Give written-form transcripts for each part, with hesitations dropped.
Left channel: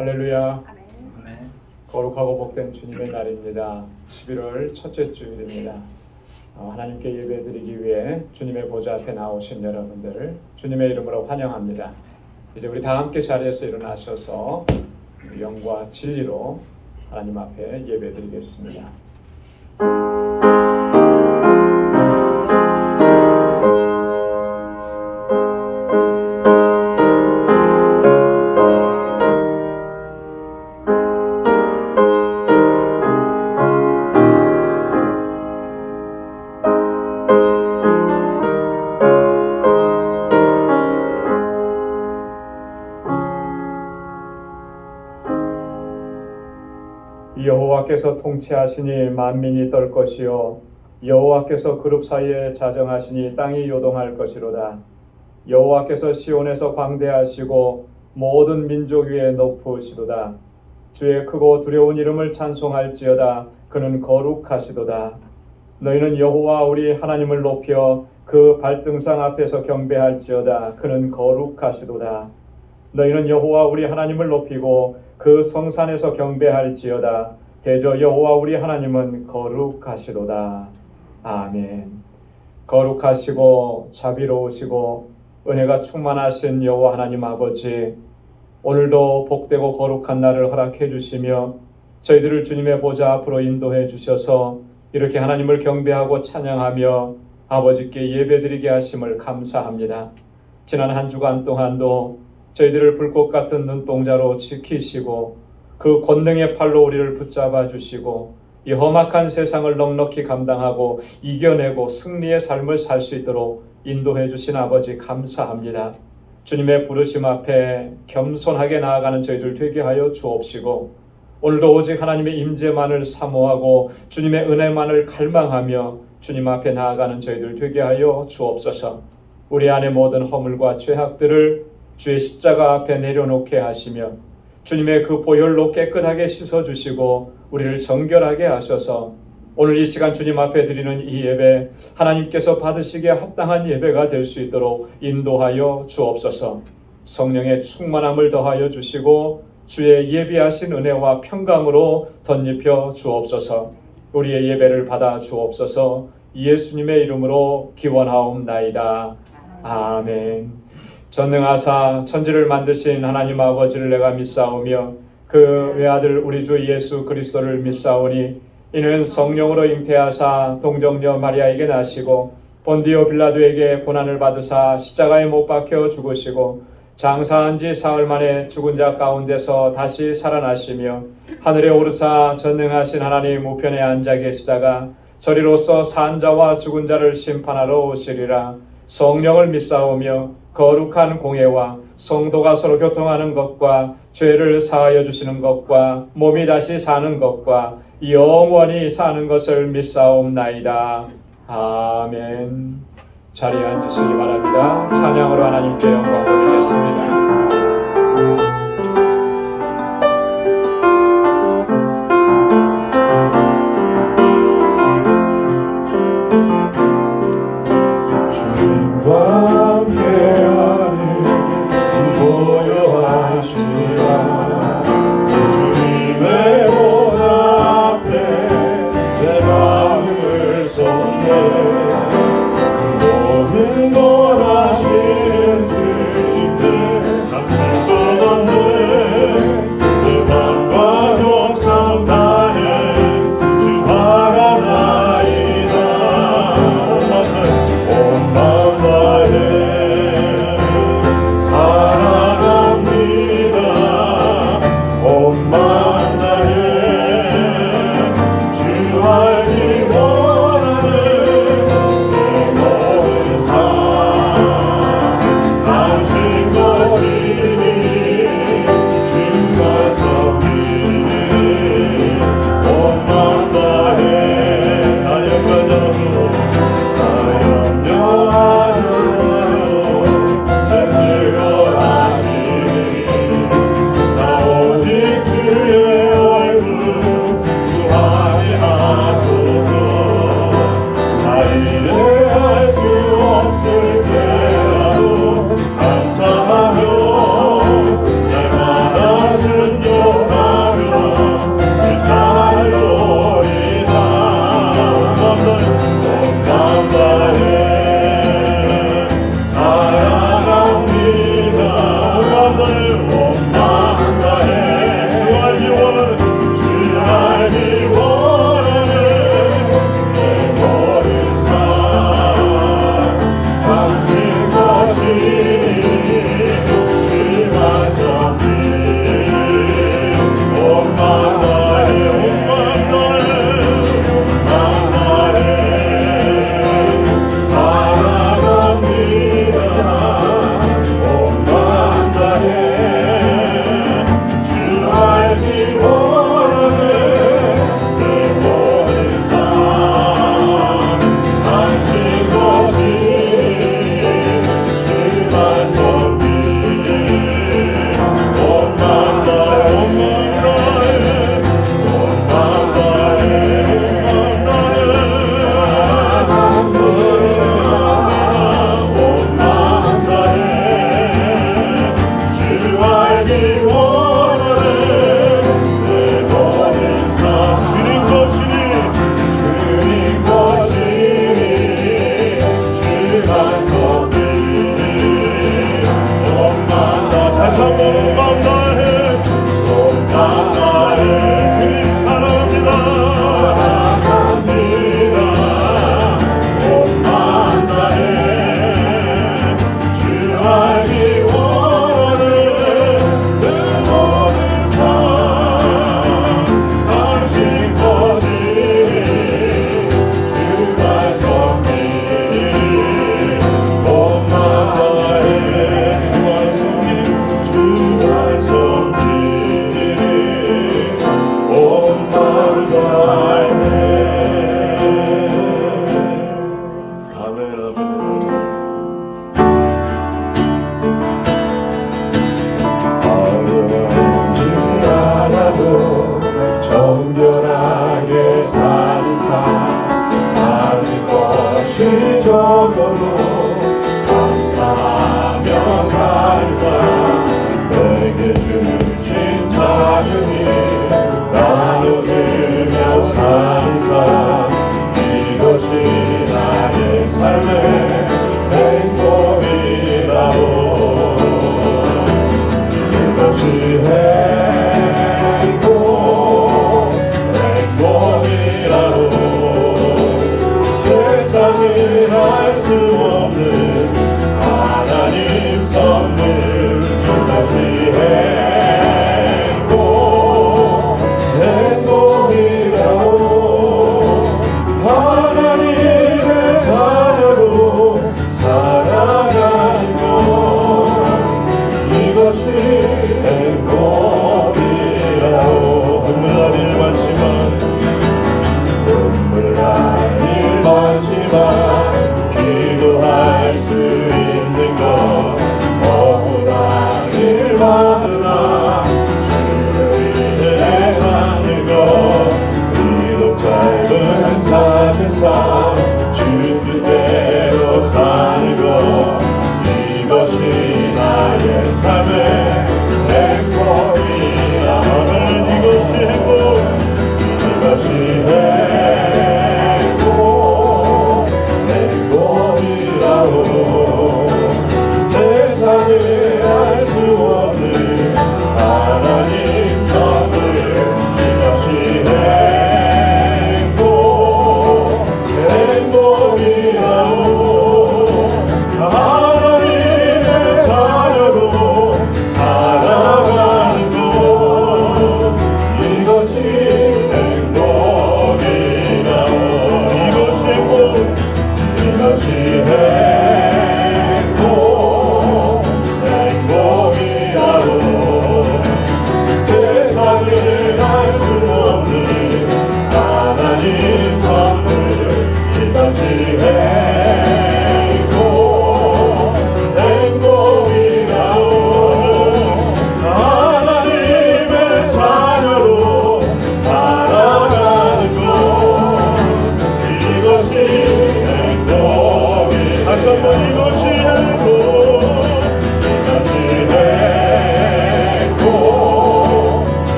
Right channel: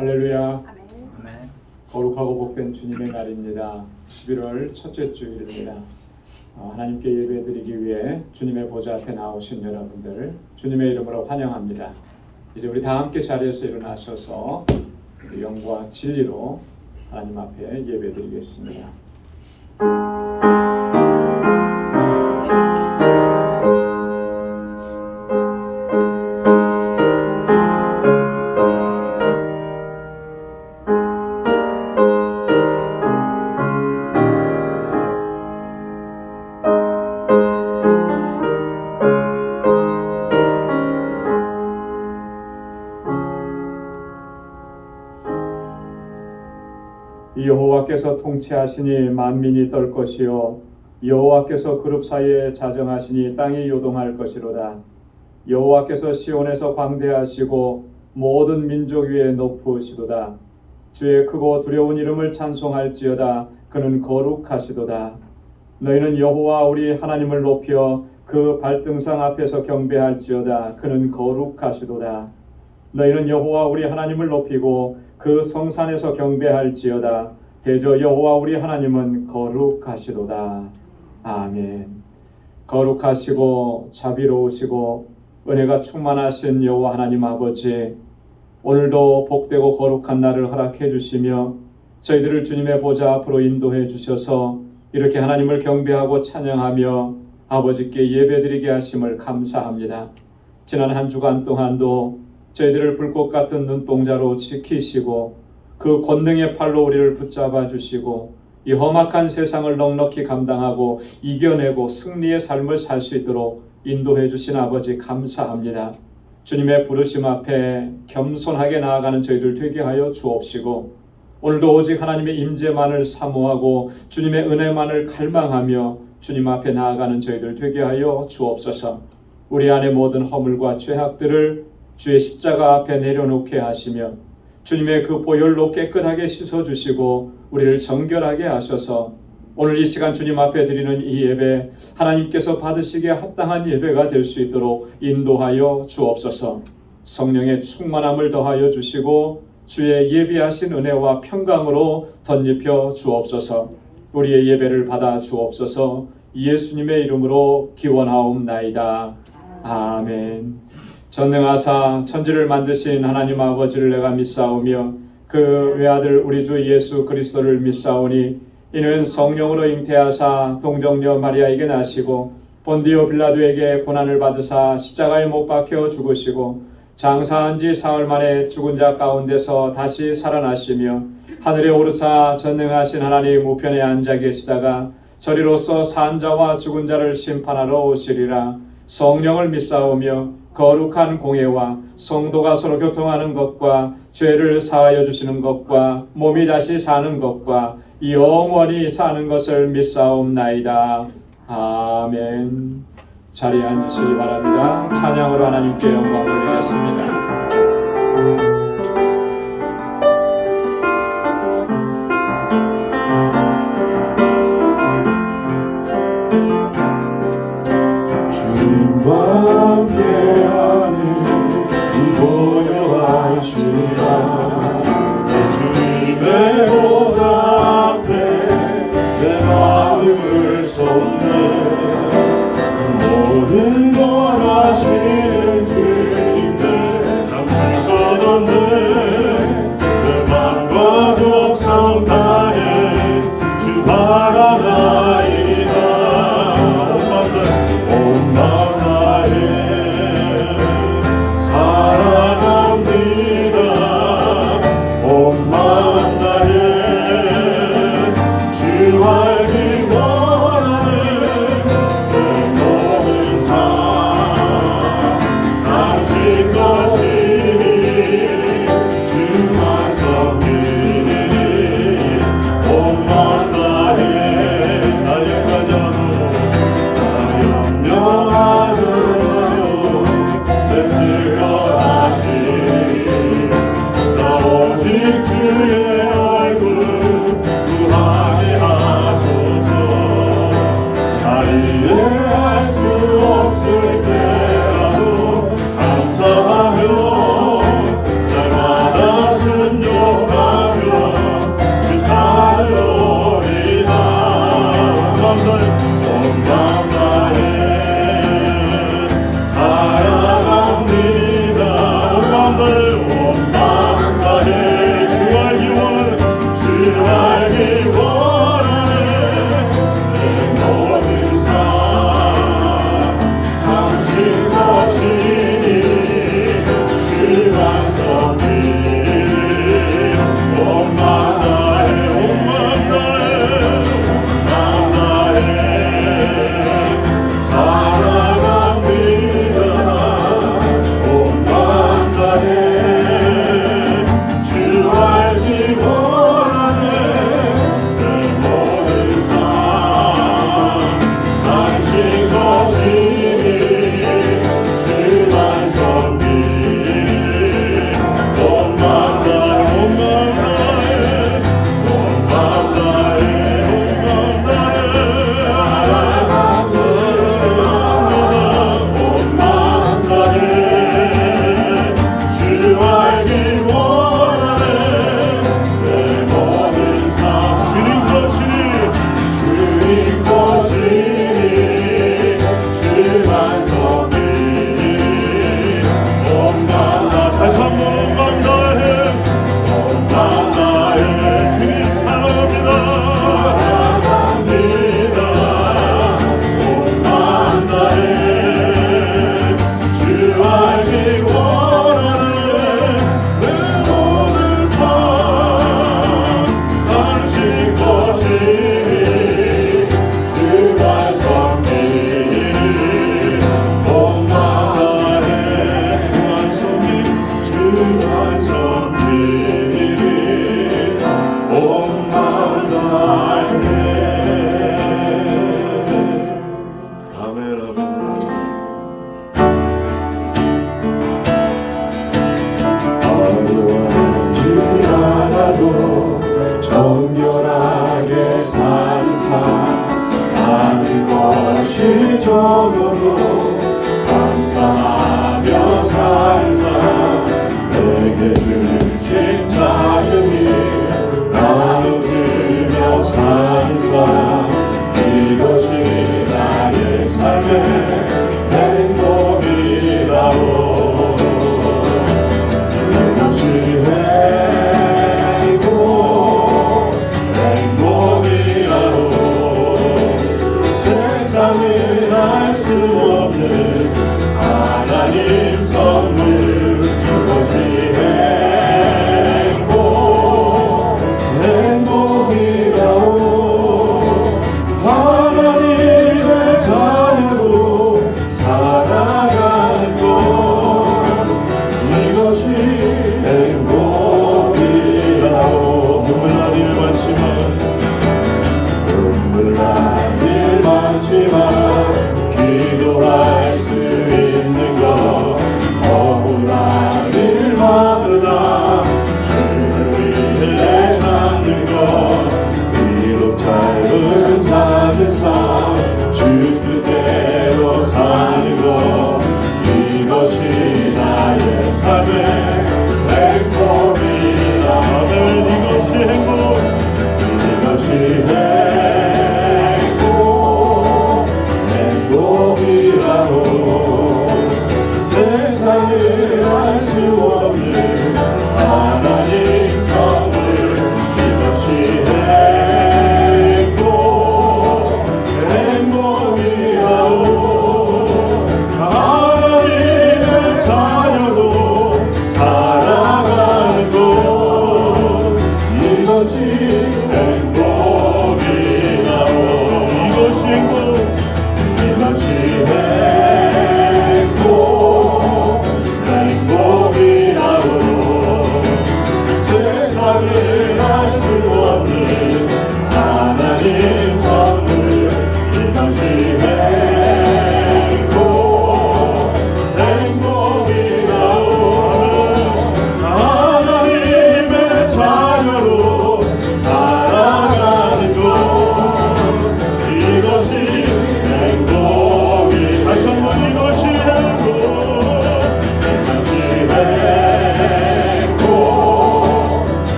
할렐루야. 아멘. 거룩하고 복된 주님의 날입니다. 11월 첫째 주일입니다. 하나님께 예배드리기 위해 주님의 보좌 앞에 나오신 여러분들 주님의 이름으로 환영합니다. 이제 우리 다 함께 자리에서 일어나셔서 영과 진리로 하나님 앞에 예배드리겠습니다. 여호와께서 통치하시니 만민이 떨 것이요 여호와께서 그룹 사이에 자정하시니 땅이 요동할 것이로다. 여호와께서 시온에서 광대하시고 모든 민족 위에 높으시도다. 주의 크고 두려운 이름을 찬송할지어다. 그는 거룩하시도다. 너희는 여호와 우리 하나님을 높여 그 발등상 앞에서 경배할지어다. 그는 거룩하시도다. 너희는 여호와 우리 하나님을 높이고 그 성산에서 경배할지어다. 대저 여호와 우리 하나님은 거룩하시도다. 아멘. 거룩하시고 자비로우시고 은혜가 충만하신 여호와 하나님 아버지, 오늘도 복되고 거룩한 날을 허락해 주시며 저희들을 주님의 보좌 앞으로 인도해 주셔서 이렇게 하나님을 경배하고 찬양하며 아버지께 예배드리게 하심을 감사합니다. 지난 한 주간 동안도 저희들을 불꽃 같은 눈동자로 지키시고 그 권능의 팔로 우리를 붙잡아 주시고 이 험악한 세상을 넉넉히 감당하고 이겨내고 승리의 삶을 살 수 있도록 인도해 주신 아버지 감사합니다. 주님의 부르심 앞에 겸손하게 나아가는 저희들 되게 하여 주옵시고 오늘도 오직 하나님의 임재만을 사모하고 주님의 은혜만을 갈망하며 주님 앞에 나아가는 저희들 되게 하여 주옵소서. 우리 안의 모든 허물과 죄악들을 주의 십자가 앞에 내려놓게 하시며 주님의 그 보혈로 깨끗하게 씻어주시고 우리를 정결하게 하셔서 오늘 이 시간 주님 앞에 드리는 이 예배 하나님께서 받으시기에 합당한 예배가 될 수 있도록 인도하여 주옵소서. 성령의 충만함을 더하여 주시고 주의 예비하신 은혜와 평강으로 덧입혀 주옵소서. 우리의 예배를 받아 주옵소서. 예수님의 이름으로 기원하옵나이다. 아멘. 전능하사 천지를 만드신 하나님 아버지를 내가 믿사오며 그 외아들 우리 주 예수 그리스도를 믿사오니 이는 성령으로 잉태하사 동정녀 마리아에게 나시고 본디오 빌라도에게 고난을 받으사 십자가에 못 박혀 죽으시고 장사한 지 사흘 만에 죽은 자 가운데서 다시 살아나시며 하늘에 오르사 전능하신 하나님 우편에 앉아 계시다가 저리로서 산 자와 죽은 자를 심판하러 오시리라. 성령을 믿사오며 거룩한 공예와 성도가 서로 교통하는 것과 죄를 사하여 주시는 것과 몸이 다시 사는 것과 영원히 사는 것을 믿사옵나이다. 아멘. 자리에 앉으시기 바랍니다. 찬양으로 하나님께 영광 돌리겠습니다. 모든 걸 하시는 주님께 감출 것 없는 그만과 정성 다해 주 바라나이다. 온 마음 다해 사랑합니다. 온 마음 다해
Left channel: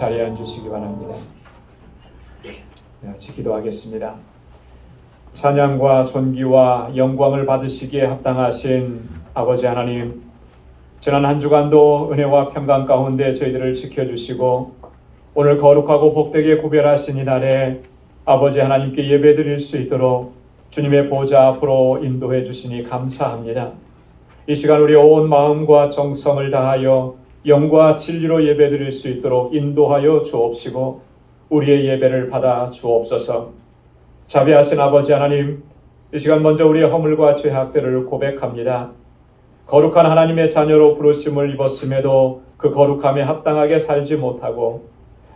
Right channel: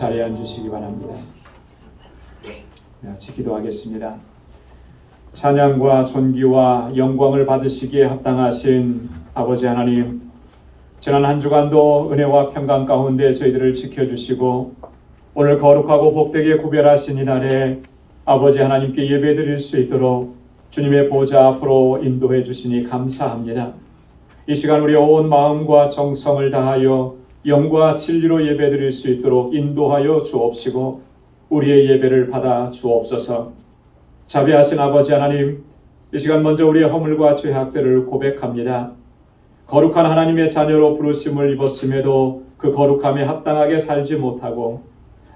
자리에 앉으시기 바랍니다. 같이 기도하겠습니다. 찬양과 존귀와 영광을 받으시기에 합당하신 아버지 하나님, 지난 한 주간도 은혜와 평강 가운데 저희들을 지켜주시고 오늘 거룩하고 복되게 구별하신 이 날에 아버지 하나님께 예배드릴 수 있도록 주님의 보좌 앞으로 인도해 주시니 감사합니다. 이 시간 우리 온 마음과 정성을 다하여 영과 진리로 예배드릴 수 있도록 인도하여 주옵시고 우리의 예배를 받아 주옵소서. 자비하신 아버지 하나님, 이 시간 먼저 우리의 허물과 죄악들을 고백합니다. 거룩한 하나님의 자녀로 부르심을 입었음에도 그 거룩함에 합당하게 살지 못하고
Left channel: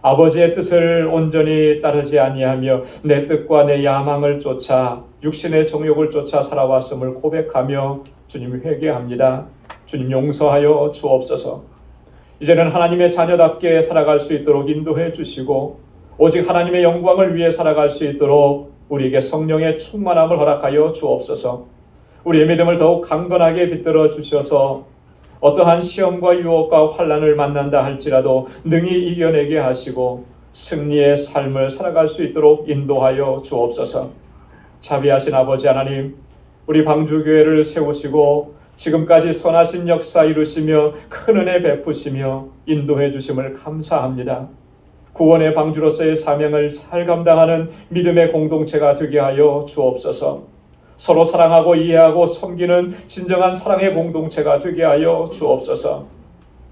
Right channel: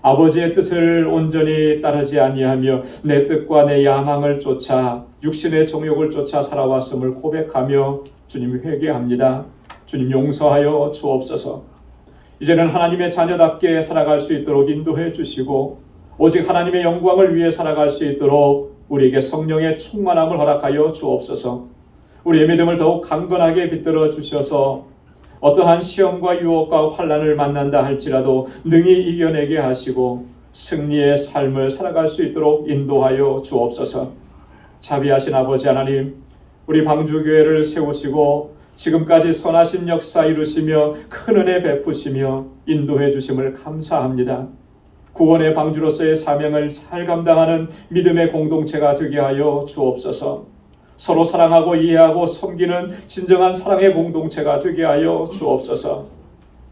아버지의 뜻을 온전히 따르지 아니하며 내 뜻과 내 야망을 쫓아 육신의 정욕을 쫓아 살아왔음을 고백하며 주님 회개합니다. 주님 용서하여 주옵소서. 이제는 하나님의 자녀답게 살아갈 수 있도록 인도해 주시고 오직 하나님의 영광을 위해 살아갈 수 있도록 우리에게 성령의 충만함을 허락하여 주옵소서. 우리의 믿음을 더욱 강건하게 빛들어 주셔서 어떠한 시험과 유혹과 환난을 만난다 할지라도 능히 이겨내게 하시고 승리의 삶을 살아갈 수 있도록 인도하여 주옵소서. 자비하신 아버지 하나님, 우리 방주교회를 세우시고 지금까지 선하신 역사 이루시며 큰 은혜 베푸시며 인도해 주심을 감사합니다. 구원의 방주로서의 사명을 잘 감당하는 믿음의 공동체가 되게 하여 주옵소서. 서로 사랑하고 이해하고 섬기는 진정한 사랑의 공동체가 되게 하여 주옵소서.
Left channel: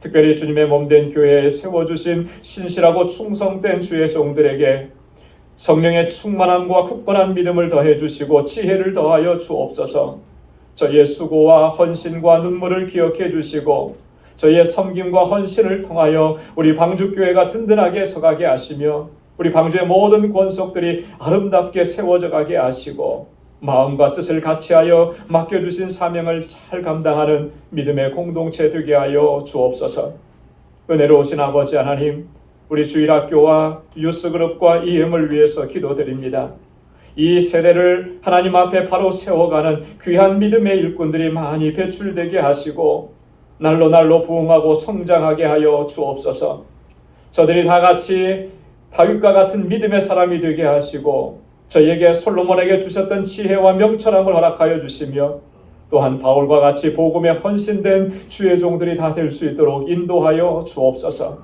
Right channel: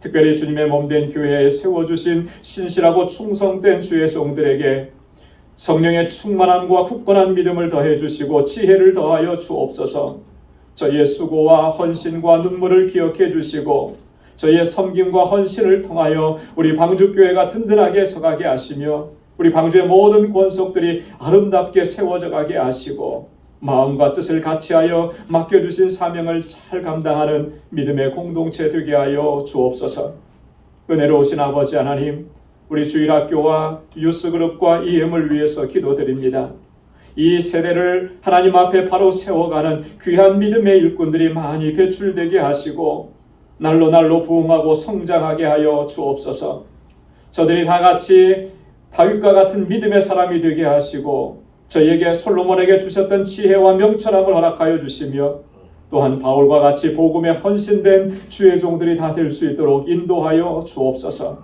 특별히 주님의 몸된 교회에 세워주신 신실하고 충성된 주의 종들에게 성령의 충만함과 굳건한 믿음을 더해 주시고 지혜를 더하여 주옵소서. 저희의 수고와 헌신과 눈물을 기억해 주시고 저희의 섬김과 헌신을 통하여 우리 방주교회가 든든하게 서가게 하시며 우리 방주의 모든 권속들이 아름답게 세워져 가게 하시고 마음과 뜻을 같이하여 맡겨주신 사명을 잘 감당하는 믿음의 공동체 되게 하여 주옵소서. 은혜로우신 아버지 하나님, 우리 주일학교와 유스그룹과 EM을 위해서 기도드립니다. 이 세대를 하나님 앞에 바로 세워가는 귀한 믿음의 일꾼들이 많이 배출되게 하시고 날로 부흥하고 성장하게 하여 주옵소서. 저들이 다 같이 다윗과 같은 믿음의 사람이 되게 하시고 저희에게 솔로몬에게 주셨던 지혜와 명철함을 허락하여 주시며 또한 바울과 같이 복음에 헌신된 주의 종들이 다 될 수 있도록 인도하여 주옵소서.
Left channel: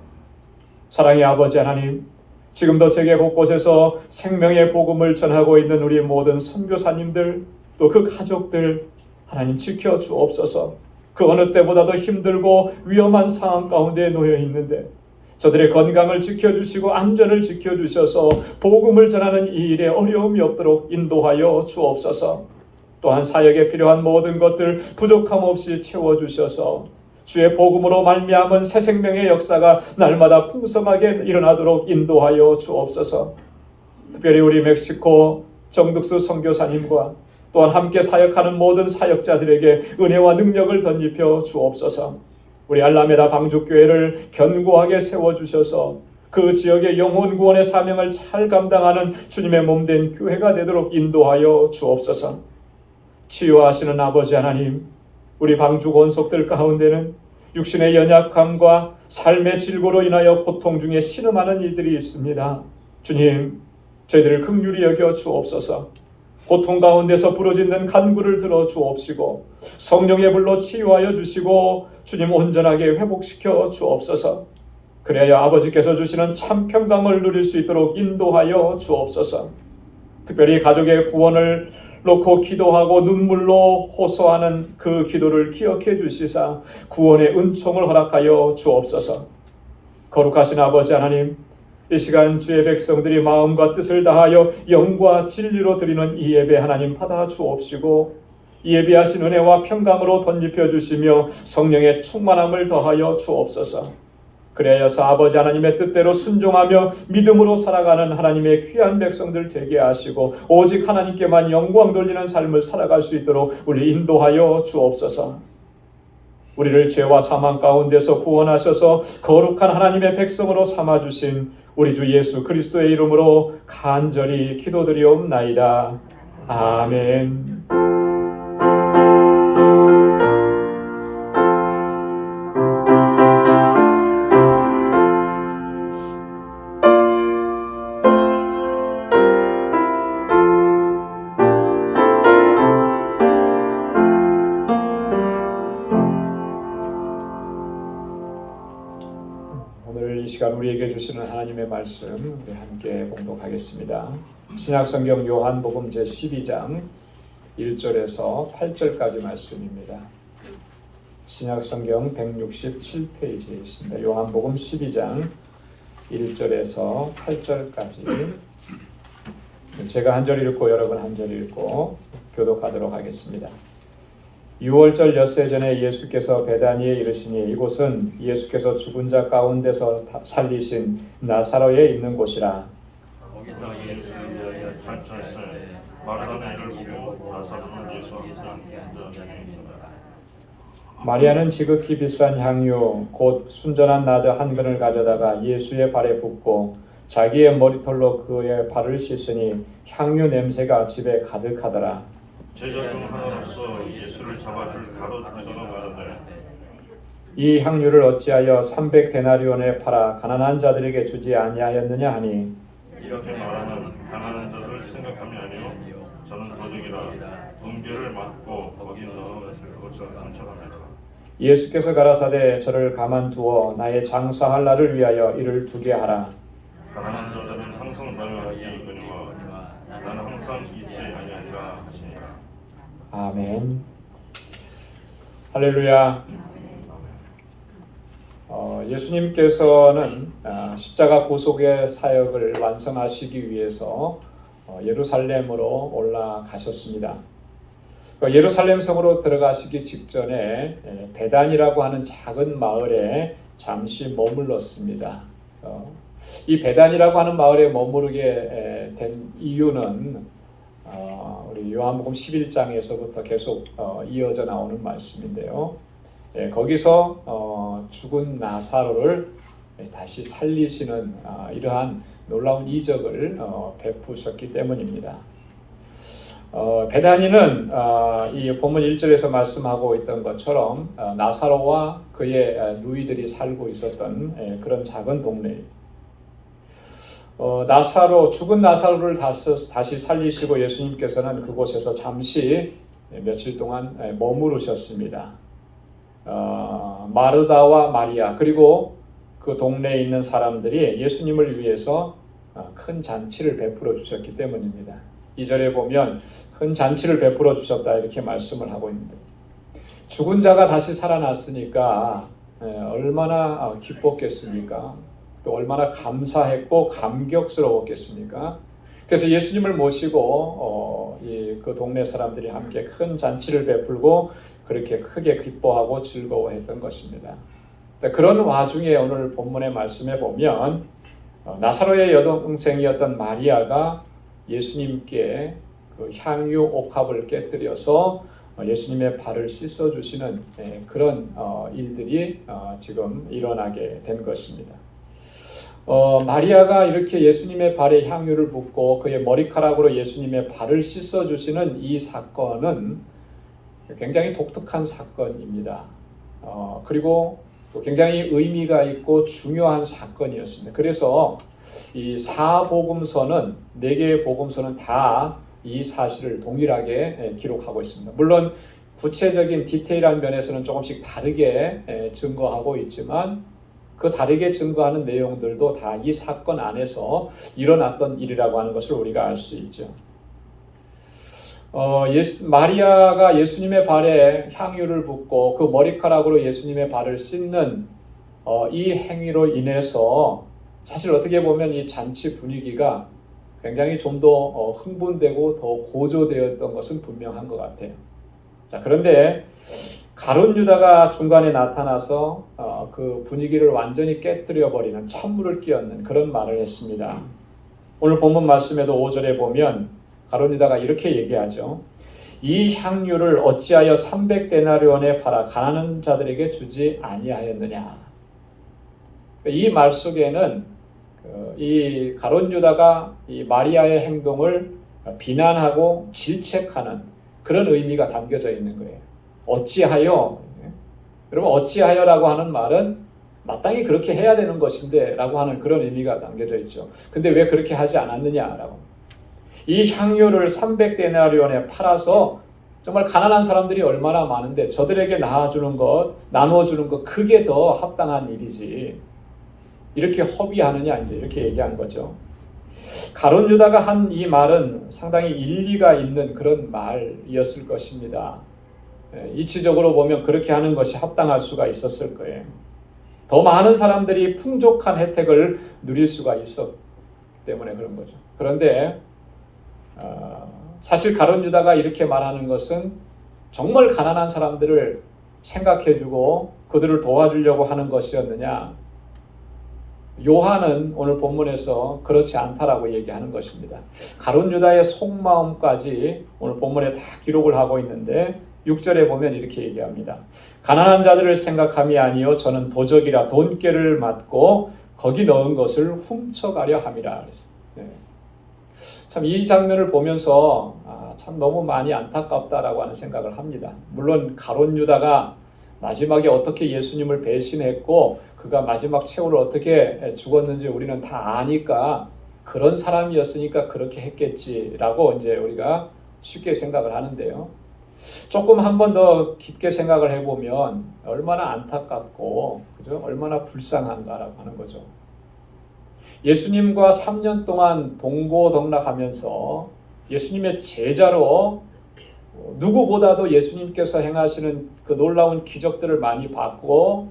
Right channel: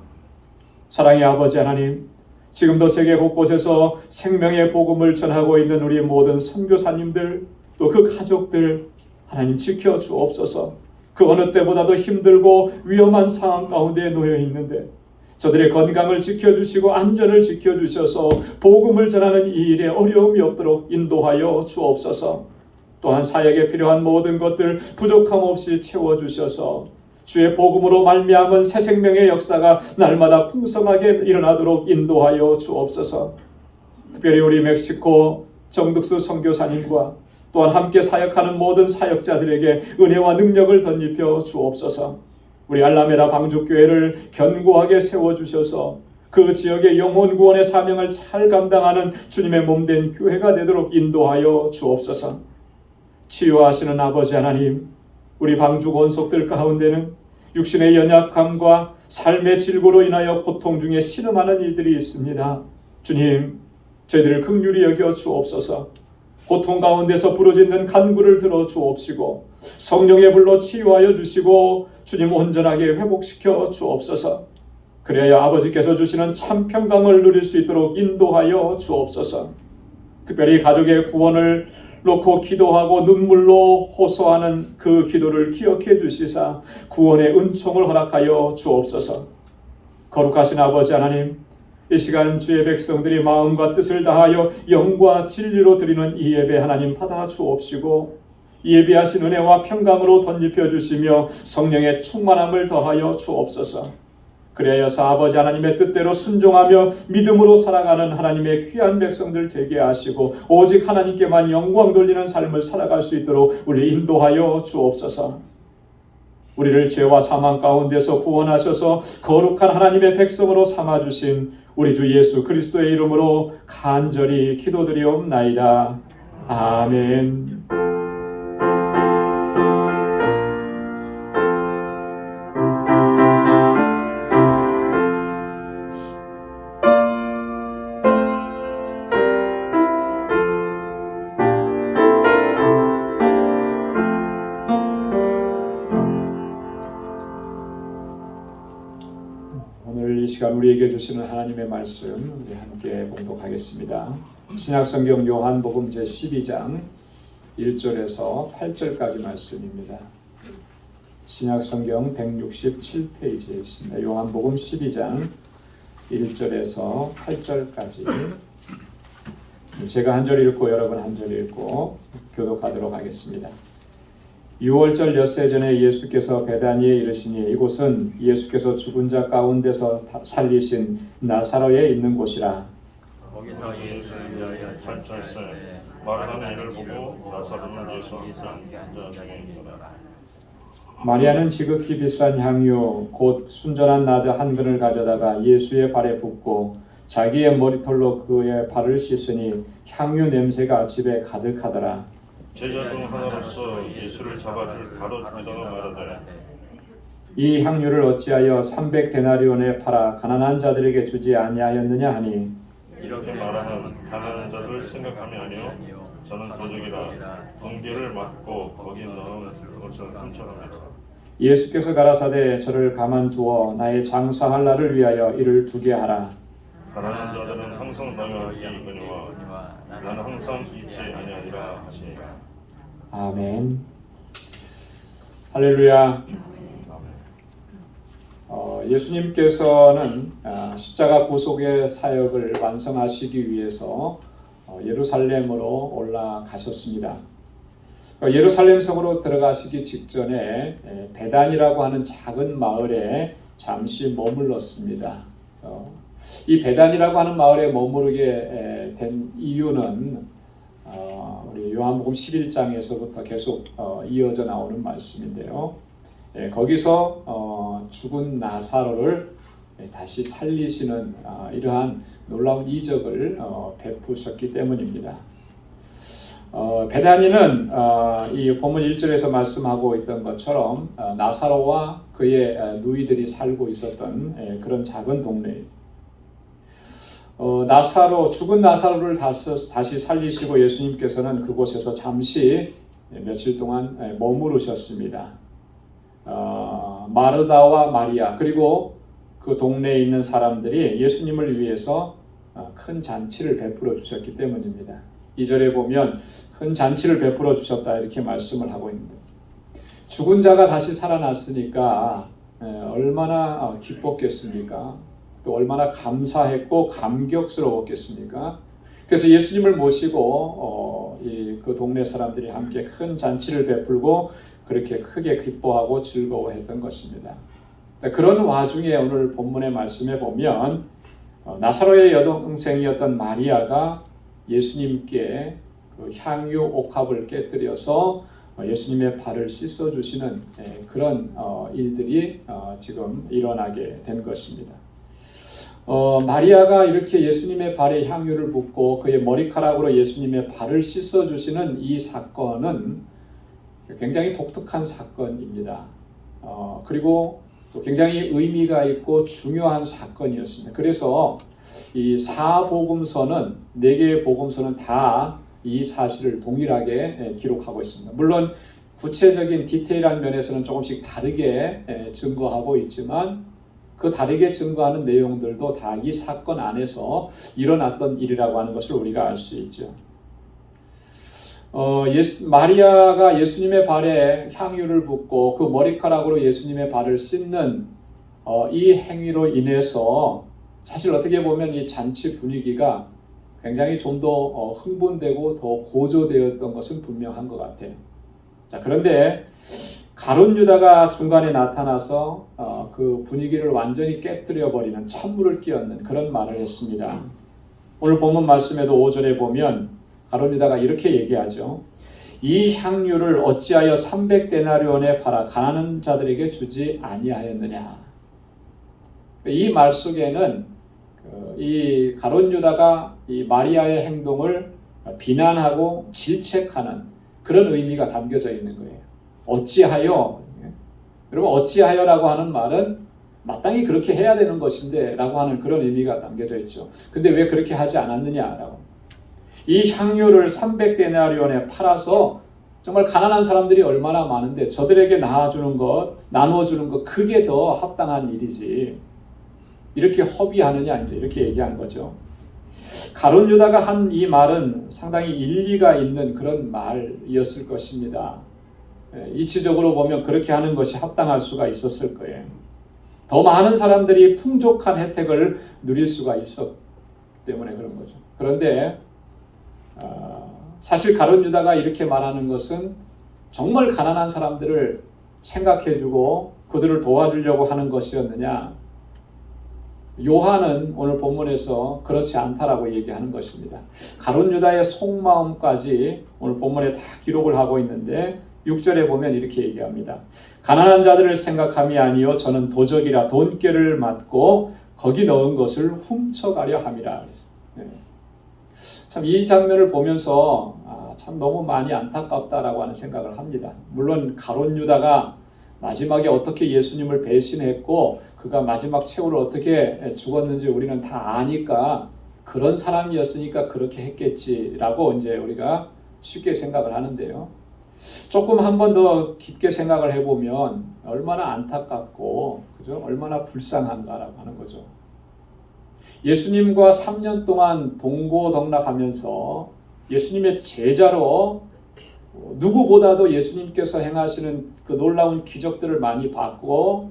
사랑의 아버지 하나님, 지금도 세계 곳곳에서 생명의 복음을 전하고 있는 우리 모든 선교사님들 또 그 가족들 하나님 지켜 주옵소서. 그 어느 때보다도 힘들고 위험한 상황 가운데 놓여 있는데 저들의 건강을 지켜주시고 안전을 지켜주셔서 복음을 전하는 이 일에 어려움이 없도록 인도하여 주옵소서. 또한 사역에 필요한 모든 것들 부족함 없이 채워주셔서 주의 복음으로 말미암은 새 생명의 역사가 날마다 풍성하게 일어나도록 인도하여 주옵소서. 특별히 우리 멕시코 정득수 선교사님과 또한 함께 사역하는 모든 사역자들에게 은혜와 능력을 덧입혀 주옵소서. 우리 알라메다 방주교회를 견고하게 세워주셔서 그 지역의 영혼 구원의 사명을 잘 감당하는 주님의 몸된 교회가 되도록 인도하여 주옵소서. 치유하시는 아버지 하나님, 우리 방주 권속들 가운데는 육신의 연약함과 삶의 질고로 인하여 고통 중에 신음하는 이들이 있습니다. 주님, 저희들을 긍휼히 여겨 주옵소서. 고통 가운데서 부러지는 간구를 들어 주옵시고 성령의 불로 치유하여 주시고 주님 온전하게 회복시켜 주옵소서. 그래야 아버지께서 주시는 참 평강을 누릴 수 있도록 인도하여 주옵소서. 특별히 가족의 구원을 놓고 기도하고 눈물로 호소하는 그 기도를 기억해 주시사 구원의 은총을 허락하여 주옵소서. 거룩하신 아버지 하나님, 이 시간 주의 백성들이 마음과 뜻을 다하여 영과 진리로 드리는 이 예배 하나님 받아 주옵시고 예비하신 은혜와 평강으로 덧입혀 주시며 성령의 충만함을 더하여 주옵소서. 그래야서 아버지 하나님의 뜻대로 순종하며 믿음으로 살아가는 하나님의 귀한 백성들 되게 하시고 오직 하나님께만 영광 돌리는 삶을 살아갈 수 있도록 우리 인도하여 주옵소서. 우리를 죄와 사망 가운데서 구원하셔서 거룩한 하나님의 백성으로 삼아주신 우리 주 예수 그리스도의 이름으로 간절히 기도드리옵나이다. 아멘. 오늘 이 시간 우리에게 주시는 하나님의 말씀 우리 함께 봉독하겠습니다. 신약성경 요한복음 제12장 1절에서 8절까지 말씀입니다. 신약성경 167페이지에 있습니다. 요한복음 12장 1절에서 8절까지 제가 한 절 읽고 여러분 한 절 읽고 교독하도록 하겠습니다. 6월절 엿새 전에 예수께서 베다니에 이르시니 이곳은 예수께서 죽은 자 가운데서 살리신 나사로에 있는 곳이라. 거기서 예수를 위하여 잘철새 마르다를 보고 나사로는 예수께서 앉은 자니라. 마리아는 지극히 비싼 향유 곧 순전한 나드 한 근을 가져다가 예수의 발에 붓고 자기의 머리털로 그의 발을 씻으니 향유 냄새가 집에 가득하더라. 제자 중 하나로서 예수를 잡아줄 가룟유다가 말하되 이 향유를 어찌하여 300데나리온에 팔아 가난한 자들에게 주지 아니하였느냐 하니 이렇게 말하면 가난한 자를 생각하면요 저는 도적이라 번개를 맞고 거기 넣은 것을 고쳐 감춰라. 예수께서 가라사대 저를 가만두어 나의 장사할 날을 위하여 이를 두게 하라. 가난한 자들은 항상 나와 있느니와 나는 항상 있지 아니하리라 하시니라. 아멘. 할렐루야. 예수님께서는 십자가 구속의 사역을 완성하시기 위해서 예루살렘으로 올라가셨습니다. 예루살렘 성으로 들어가시기 직전에 베단이라고 하는 작은 마을에 잠시 머물렀습니다. 이 베단이라고 하는 마을에 머무르게 된 이유는 우리 요한복음 11장에서부터 계속 이어져 나오는 말씀인데요. 거기서 죽은 나사로를 다시 살리시는 이러한 놀라운 이적을 베푸셨기 때문입니다. 베다니는 이 본문 1절에서 말씀하고 있던 것처럼 나사로와 그의 누이들이 살고 있었던 그런 작은 동네입니다. 죽은 나사로를 다시 살리시고 예수님께서는 그곳에서 잠시 며칠 동안 머무르셨습니다. 마르다와 마리아 그리고 그 동네에 있는 사람들이 예수님을 위해서 큰 잔치를 베풀어 주셨기 때문입니다. 2절에 보면 큰 잔치를 베풀어 주셨다 이렇게 말씀을 하고 있는데 죽은 자가 다시 살아났으니까 얼마나 기뻤겠습니까? 또 얼마나 감사했고 감격스러웠겠습니까? 그래서 예수님을 모시고 그 동네 사람들이 함께 큰 잔치를 베풀고 그렇게 크게 기뻐하고 즐거워했던 것입니다. 그런 와중에 오늘 본문의 말씀에 보면 나사로의 여동생이었던 마리아가 예수님께 그 향유 옥합을 깨뜨려서 예수님의 발을 씻어주시는 그런 일들이 지금 일어나게 된 것입니다. 마리아가 이렇게 예수님의 발에 향유를 붓고 그의 머리카락으로 예수님의 발을 씻어주시는 이 사건은 굉장히 독특한 사건입니다. 그리고 굉장히 의미가 있고 중요한 사건이었습니다. 그래서 이 4복음서는 4개의 복음서는 다 이 사실을 동일하게 기록하고 있습니다. 물론 구체적인 디테일한 면에서는 조금씩 다르게 증거하고 있지만 그 다르게 증거하는 내용들도 다 이 사건 안에서 일어났던 일이라고 하는 것을 우리가 알 수 있죠. 마리아가 예수님의 발에 향유를 붓고 그 머리카락으로 예수님의 발을 씻는 이 행위로 인해서 사실 어떻게 보면 이 잔치 분위기가 굉장히 좀 더 흥분되고 더 고조되었던 것은 분명한 것 같아요. 자, 그런데 가룟 유다가 중간에 나타나서 그 분위기를 완전히 깨뜨려 버리는 찬물을 끼얹는 그런 말을 했습니다. 오늘 본문 말씀에도 5절에 보면 가룟 유다가 이렇게 얘기하죠. 이 향유를 어찌하여 300데나리온에 팔아 가난한 자들에게 주지 아니하였느냐. 이 말 속에는 이 가룟 유다가 이 마리아의 행동을 비난하고 질책하는 그런 의미가 담겨져 있는 거예요. 어찌하여, 여러분 어찌하여라고 하는 말은 마땅히 그렇게 해야 되는 것인데 라고 하는 그런 의미가 담겨져 있죠. 근데 왜 그렇게 하지 않았느냐라고. 이 향유를 300데나리온에 팔아서 정말 가난한 사람들이 얼마나 많은데 저들에게 나눠주는 것 그게 더 합당한 일이지. 이렇게 허비하느냐 이렇게 얘기한 거죠. 가룟 유다가 한 이 말은 상당히 일리가 있는 그런 말이었을 것입니다. 이치적으로 보면 그렇게 하는 것이 합당할 수가 있었을 거예요. 더 많은 사람들이 풍족한 혜택을 누릴 수가 있었기 때문에 그런 거죠. 그런데 사실 가룟 유다가 이렇게 말하는 것은 정말 가난한 사람들을 생각해주고 그들을 도와주려고 하는 것이었느냐? 요한은 오늘 본문에서 그렇지 않다라고 얘기하는 것입니다. 가룟 유다의 속마음까지 오늘 본문에 다 기록을 하고 있는데 6절에 보면 이렇게 얘기합니다. 가난한 자들을 생각함이 아니요 저는 도적이라 돈꾀를 맞고 거기 넣은 것을 훔쳐가려 함이라. 참 이 장면을 보면서 참 너무 많이 안타깝다라고 하는 생각을 합니다. 물론 가룟 유다가 마지막에 어떻게 예수님을 배신했고 그가 마지막 최후를 어떻게 죽었는지 우리는 다 아니까 그런 사람이었으니까 그렇게 했겠지라고 이제 우리가 쉽게 생각을 하는데요. 조금 한 번 더 깊게 생각을 해보면 얼마나 안타깝고 그죠? 얼마나 불쌍한가라고 하는 거죠. 예수님과 3년 동안 동고동락하면서 예수님의 제자로 누구보다도 예수님께서 행하시는 그 놀라운 기적들을 많이 봤고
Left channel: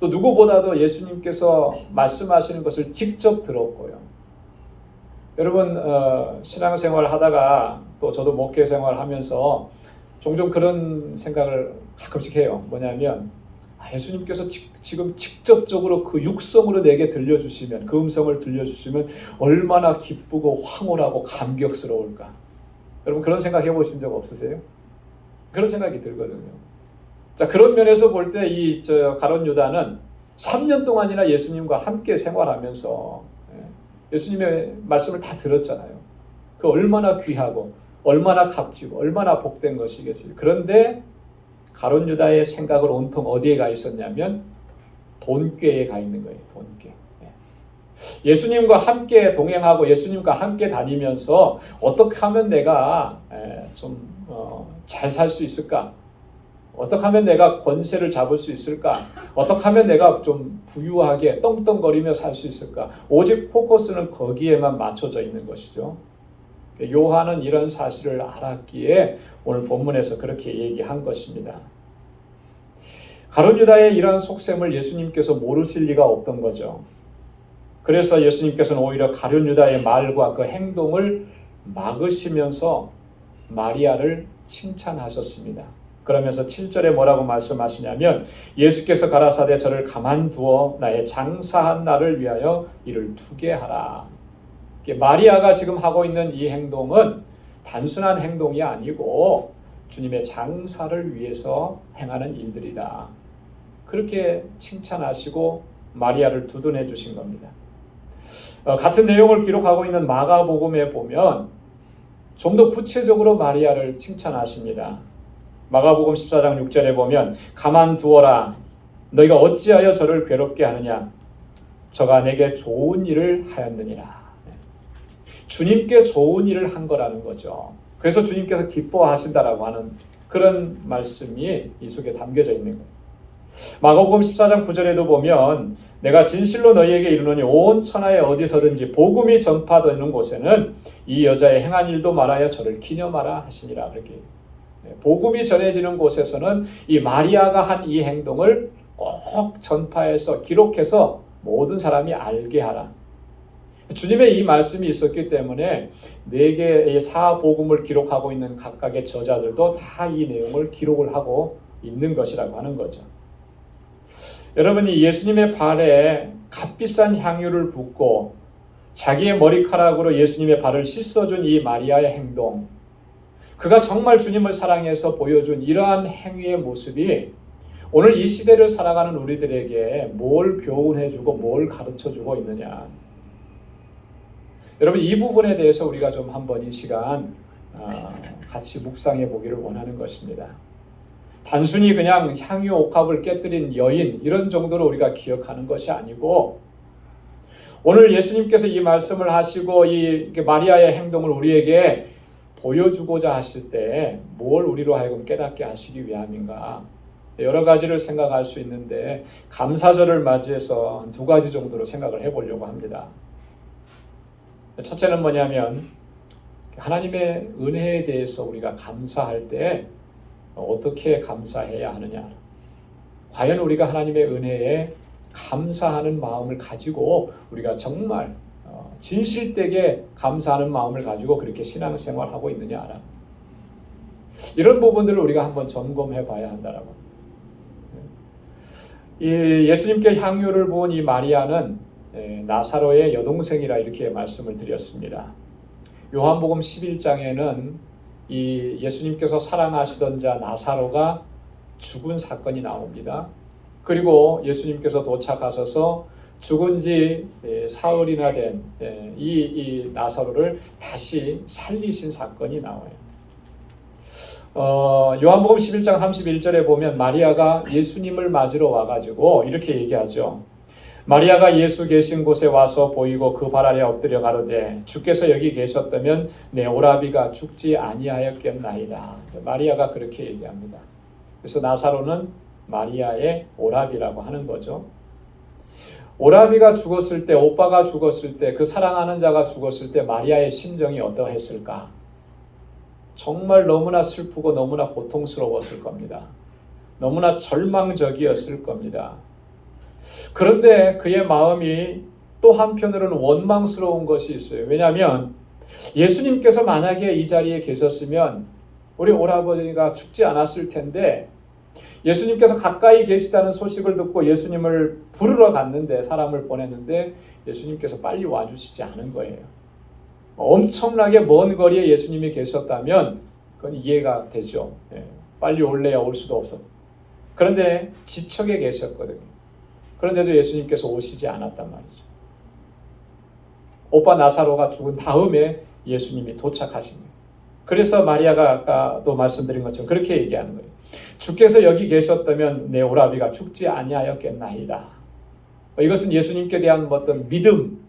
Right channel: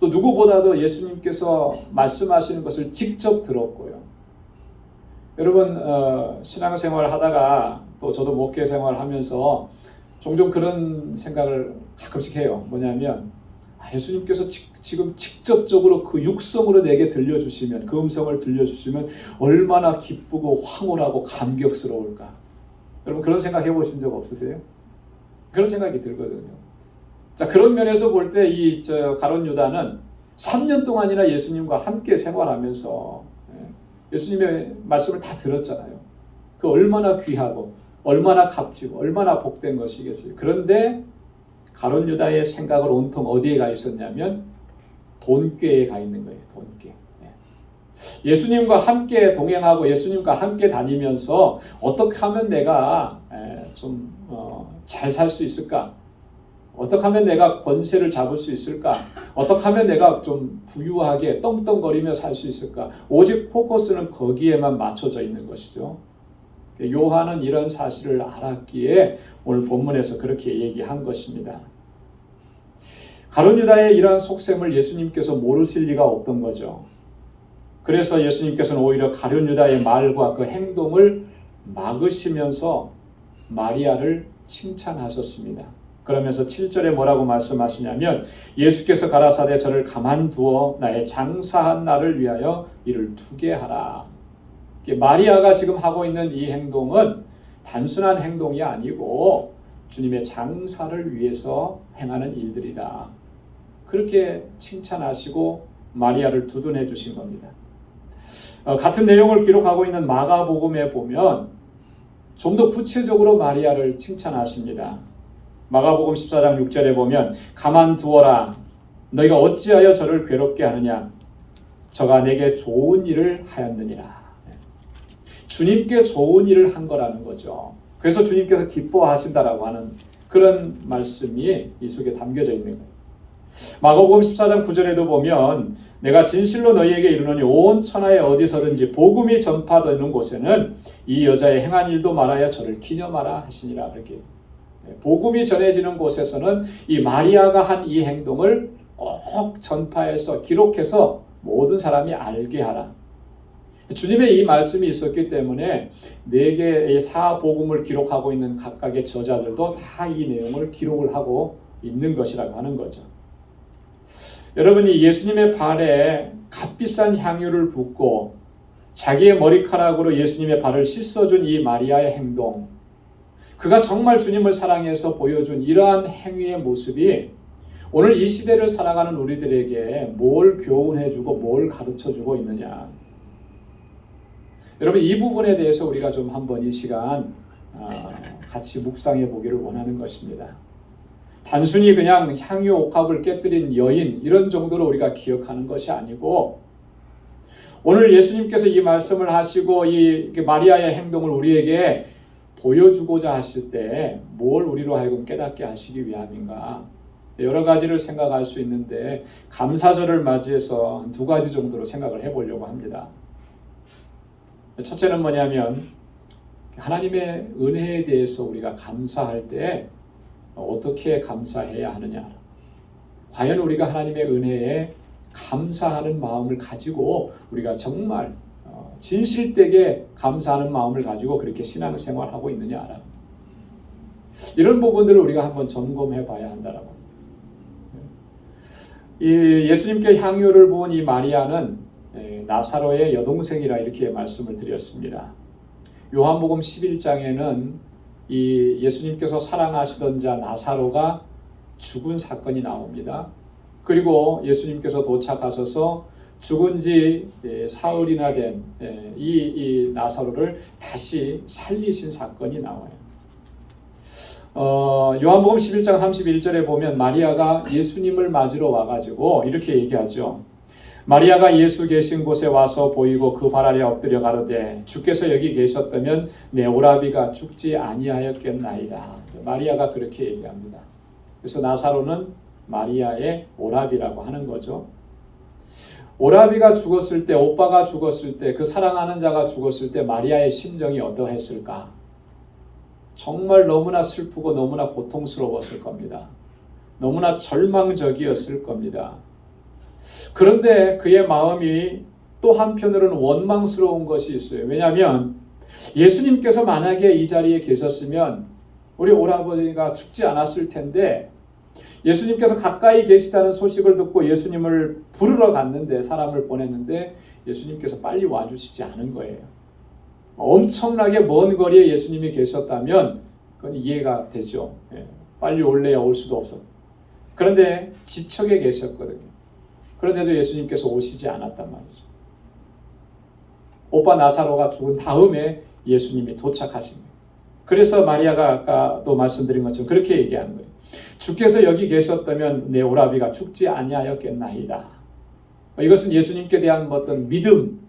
또 누구보다도 예수님께서 말씀하시는 것을 직접 들었고요. 여러분 신앙생활 하다가 또 저도 목회생활 하면서 종종 그런 생각을 가끔씩 해요. 뭐냐면 예수님께서 지금 직접적으로 그 육성으로 내게 들려주시면 그 음성을 들려주시면 얼마나 기쁘고 황홀하고 감격스러울까. 여러분 그런 생각 해보신 적 없으세요? 그런 생각이 들거든요. 자 그런 면에서 볼 때 이 가룟 유다는 3년 동안이나 예수님과 함께 생활하면서 예수님의 말씀을 다 들었잖아요. 그 얼마나 귀하고 얼마나 값지고 얼마나 복된 것이겠어요. 그런데 가룟 유다의 생각을 온통 어디에 가 있었냐면 돈꾀에 가 있는 거예요. 돈꾀. 예수님과 함께 동행하고 예수님과 함께 다니면서 어떻게 하면 내가 좀 잘 살 수 있을까? 어떻게 하면 내가 권세를 잡을 수 있을까? 어떻게 하면 내가 좀 부유하게 떵떵거리며 살 수 있을까? 오직 포커스는 거기에만 맞춰져 있는 것이죠. 요한은 이런 사실을 알았기에 오늘 본문에서 그렇게 얘기한 것입니다. 가룟 유다의 이러한 속셈을 예수님께서 모르실 리가 없던 거죠. 그래서 예수님께서는 오히려 가룟 유다의 말과 그 행동을 막으시면서 마리아를 칭찬하셨습니다. 그러면서 7절에 뭐라고 말씀하시냐면 예수께서 가라사대 저를 가만두어 나의 장사한 날을 위하여 이를 두게 하라. 마리아가 지금 하고 있는 이 행동은 단순한 행동이 아니고 주님의 장사를 위해서 행하는 일들이다. 그렇게 칭찬하시고 마리아를 두둔해 주신 겁니다. 같은 내용을 기록하고 있는 마가복음에 보면 좀 더 구체적으로 마리아를 칭찬하십니다. 마가복음 14장 6절에 보면 가만두어라 너희가 어찌하여 저를 괴롭게 하느냐 저가 내게 좋은 일을 하였느니라. 주님께 좋은 일을 한 거라는 거죠. 그래서 주님께서 기뻐하신다라고 하는 그런 말씀이 이 속에 담겨져 있는 거예요. 마가복음 14장 9절에도 보면 내가 진실로 너희에게 이르노니 온 천하에 어디서든지 복음이 전파되는 곳에는 이 여자의 행한 일도 말하여 저를 기념하라 하시니라. 그렇게 복음이 전해지는 곳에서는 이 마리아가 한 이 행동을 꼭 전파해서 기록해서 모든 사람이 알게 하라. 주님의 이 말씀이 있었기 때문에 4개의 사복음을 기록하고 있는 각각의 저자들도 다 이 내용을 기록을 하고 있는 것이라고 하는 거죠. 여러분이 예수님의 발에 값비싼 향유를 붓고 자기의 머리카락으로 예수님의 발을 씻어준 이 마리아의 행동, 그가 정말 주님을 사랑해서 보여준 이러한 행위의 모습이 오늘 이 시대를 살아가는 우리들에게 뭘 교훈해주고 뭘 가르쳐주고 있느냐. 여러분 이 부분에 대해서 우리가 좀 한번 이 시간 같이 묵상해 보기를 원하는 것입니다. 단순히 그냥 향유 옥합을 깨뜨린 여인 이런 정도로 우리가 기억하는 것이 아니고 오늘 예수님께서 이 말씀을 하시고 이 마리아의 행동을 우리에게 보여주고자 하실 때 뭘 우리로 하여금 깨닫게 하시기 위함인가? 여러 가지를 생각할 수 있는데 감사절을 맞이해서 두 가지 정도로 생각을 해보려고 합니다. 첫째는 뭐냐면 하나님의 은혜에 대해서 우리가 감사할 때 어떻게 감사해야 하느냐. 과연 우리가 하나님의 은혜에 감사하는 마음을 가지고 우리가 정말 진실되게 감사하는 마음을 가지고 그렇게 신앙생활하고 있느냐. 이런 부분들을 우리가 한번 점검해 봐야 한다라고. 이 예수님께 향유를 부은 이 마리아는 나사로의 여동생이라 이렇게 말씀을 드렸습니다. 요한복음 11장에는 이 예수님께서 사랑하시던 자 나사로가 죽은 사건이 나옵니다. 그리고 예수님께서 도착하셔서 죽은 지 사흘이나 된 이 나사로를 다시 살리신 사건이 나와요. 요한복음 11장 31절에 보면 마리아가 예수님을 맞으러 와가지고 이렇게 얘기하죠. 마리아가 예수 계신 곳에 와서 보이고 그 발 아래 엎드려 가로되 주께서 여기 계셨다면 내 오라비가 죽지 아니하였겠나이다. 마리아가 그렇게 얘기합니다. 그래서 나사로는 마리아의 오라비라고 하는 거죠. 오라비가 죽었을 때, 오빠가 죽었을 때, 그 사랑하는 자가 죽었을 때 마리아의 심정이 어떠했을까? 정말 너무나 슬프고 너무나 고통스러웠을 겁니다. 너무나 절망적이었을 겁니다. 그런데 그의 마음이 또 한편으로는 원망스러운 것이 있어요. 왜냐하면 예수님께서 만약에 이 자리에 계셨으면 우리 오라버니가 죽지 않았을 텐데 예수님께서 가까이 계시다는 소식을 듣고 예수님을 부르러 갔는데 사람을 보냈는데 예수님께서 빨리 와주시지 않은 거예요. 엄청나게 먼 거리에 예수님이 계셨다면 그건 이해가 되죠. 빨리 올래야 올 수도 없었고. 그런데 지척에 계셨거든요. 그런데도 예수님께서 오시지 않았단 말이죠. 오빠 나사로가 죽은 다음에 예수님이 도착하신 거예요. 그래서 마리아가 아까도 말씀드린 것처럼 그렇게 얘기하는 거예요. 주께서 여기 계셨다면 내 오라비가 죽지 아니하였겠나이다. 이것은 예수님께 대한 어떤 믿음,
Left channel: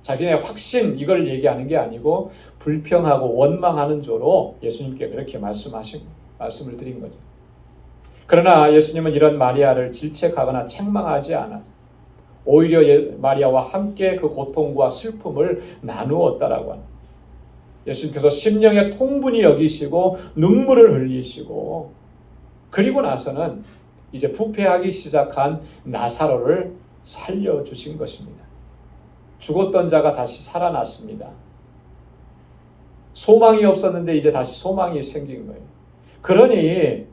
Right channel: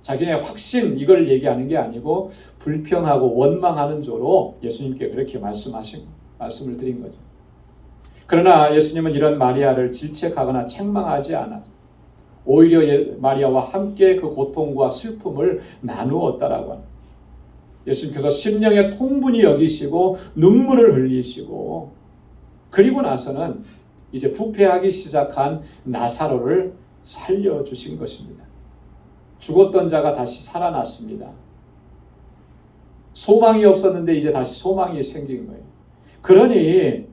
자기네 확신 이걸 얘기하는 게 아니고 불평하고 원망하는 조로 예수님께 그렇게 말씀을 드린 거죠. 그러나 예수님은 이런 마리아를 질책하거나 책망하지 않았어요. 오히려 마리아와 함께 그 고통과 슬픔을 나누었다라고 합니다. 예수님께서 심령의 통분히 여기시고 눈물을 흘리시고 그리고 나서는 이제 부패하기 시작한 나사로를 살려주신 것입니다. 죽었던 자가 다시 살아났습니다. 소망이 없었는데 이제 다시 소망이 생긴 거예요. 그러니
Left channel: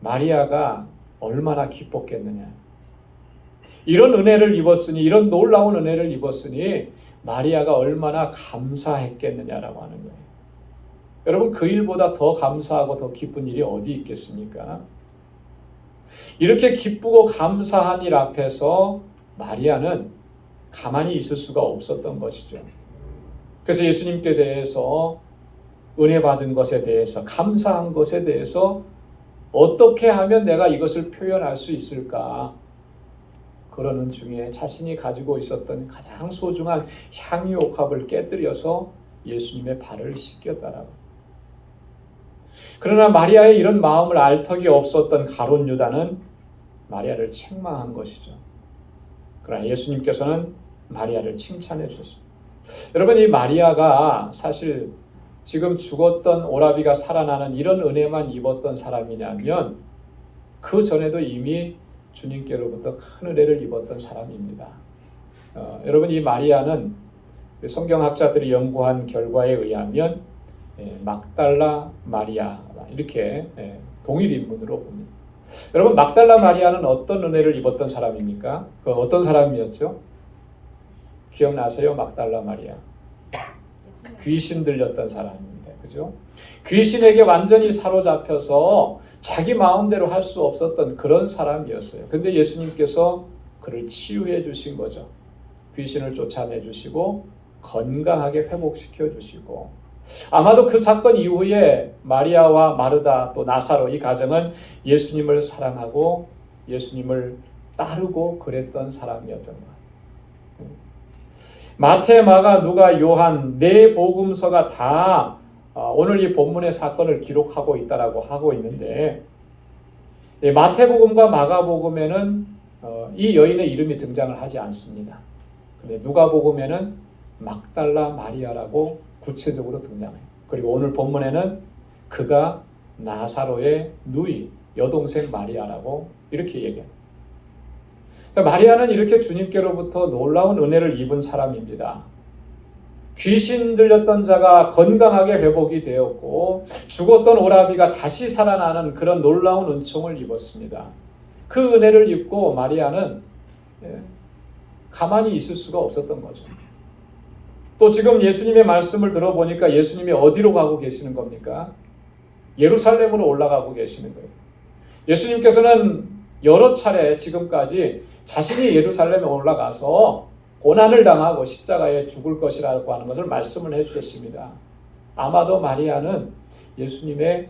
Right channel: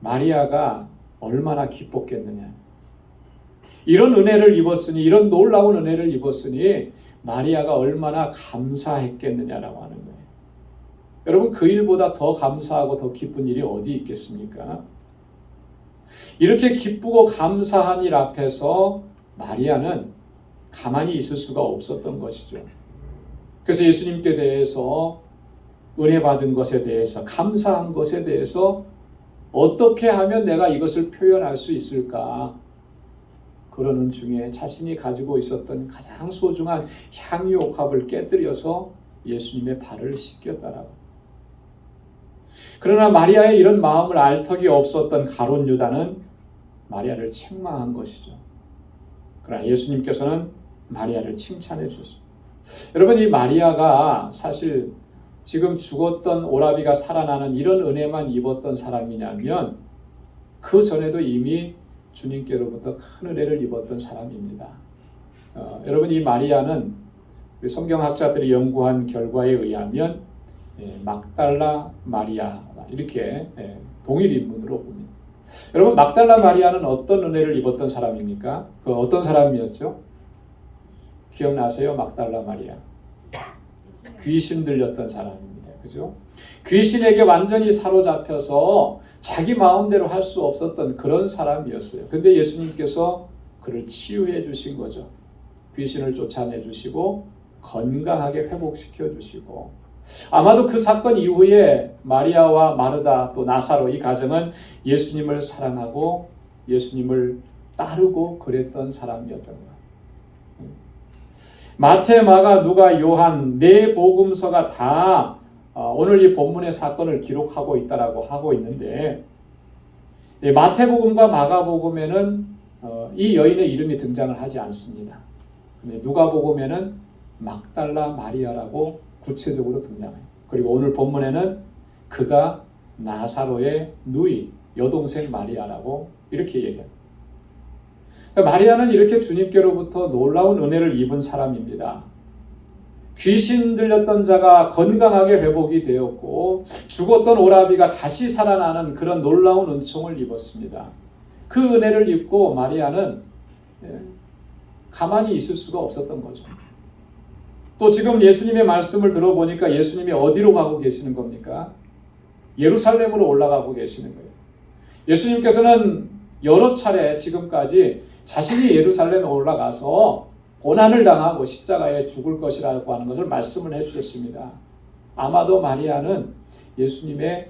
마리아가 얼마나 기뻤겠느냐. 이런 은혜를 입었으니, 이런 놀라운 은혜를 입었으니 마리아가 얼마나 감사했겠느냐라고 하는 거예요. 여러분, 그 일보다 더 감사하고 더 기쁜 일이 어디 있겠습니까? 이렇게 기쁘고 감사한 일 앞에서 마리아는 가만히 있을 수가 없었던 것이죠. 그래서 예수님께 대해서 은혜 받은 것에 대해서 감사한 것에 대해서 어떻게 하면 내가 이것을 표현할 수 있을까? 그러는 중에 자신이 가지고 있었던 가장 소중한 향유 옥합을 깨뜨려서 예수님의 발을 씻겼다라. 그러나 마리아의 이런 마음을 알 턱이 없었던 가룟 유다는 마리아를 책망한 것이죠. 그러나 예수님께서는 마리아를 칭찬해 주셨습니다. 여러분, 이 마리아가 사실 지금 죽었던 오라비가 살아나는 이런 은혜만 입었던 사람이냐면 그 전에도 이미 주님께로부터 큰 은혜를 입었던 사람입니다. 여러분, 이 마리아는 성경학자들이 연구한 결과에 의하면 막달라 마리아 이렇게 동일 인물로 봅니다. 여러분, 막달라 마리아는 어떤 은혜를 입었던 사람입니까? 그 어떤 사람이었죠? 기억나세요? 막달라 마리아. 귀신 들렸던 사람입니다. 그죠? 귀신에게 완전히 사로잡혀서 자기 마음대로 할 수 없었던 그런 사람이었어요. 근데 예수님께서 그를 치유해 주신 거죠. 귀신을 쫓아내 주시고 건강하게 회복시켜 주시고, 아마도 그 사건 이후에 마리아와 마르다 또 나사로 이 가정은 예수님을 사랑하고 예수님을 따르고 그랬던 사람이었던 거예요. 마태, 마가, 누가, 요한 네 복음서가 다 오늘 이 본문의 사건을 기록하고 있다라고 하고 있는데, 마태복음과 마가복음에는 이 여인의 이름이 등장을 하지 않습니다. 근데 누가복음에는 막달라 마리아라고 구체적으로 등장해요. 그리고 오늘 본문에는 그가 나사로의 누이, 여동생 마리아라고 이렇게 얘기해요. 그러니까 마리아는 이렇게 주님께로부터 놀라운 은혜를 입은 사람입니다. 귀신 들렸던 자가 건강하게 회복이 되었고 죽었던 오라비가 다시 살아나는 그런 놀라운 은총을 입었습니다. 그 은혜를 입고 마리아는 가만히 있을 수가 없었던 거죠. 또 지금 예수님의 말씀을 들어보니까 예수님이 어디로 가고 계시는 겁니까? 예루살렘으로 올라가고 계시는 거예요. 예수님께서는 여러 차례 지금까지 자신이 예루살렘에 올라가서 고난을 당하고 십자가에 죽을 것이라고 하는 것을 말씀을 해주셨습니다. 아마도 마리아는 예수님의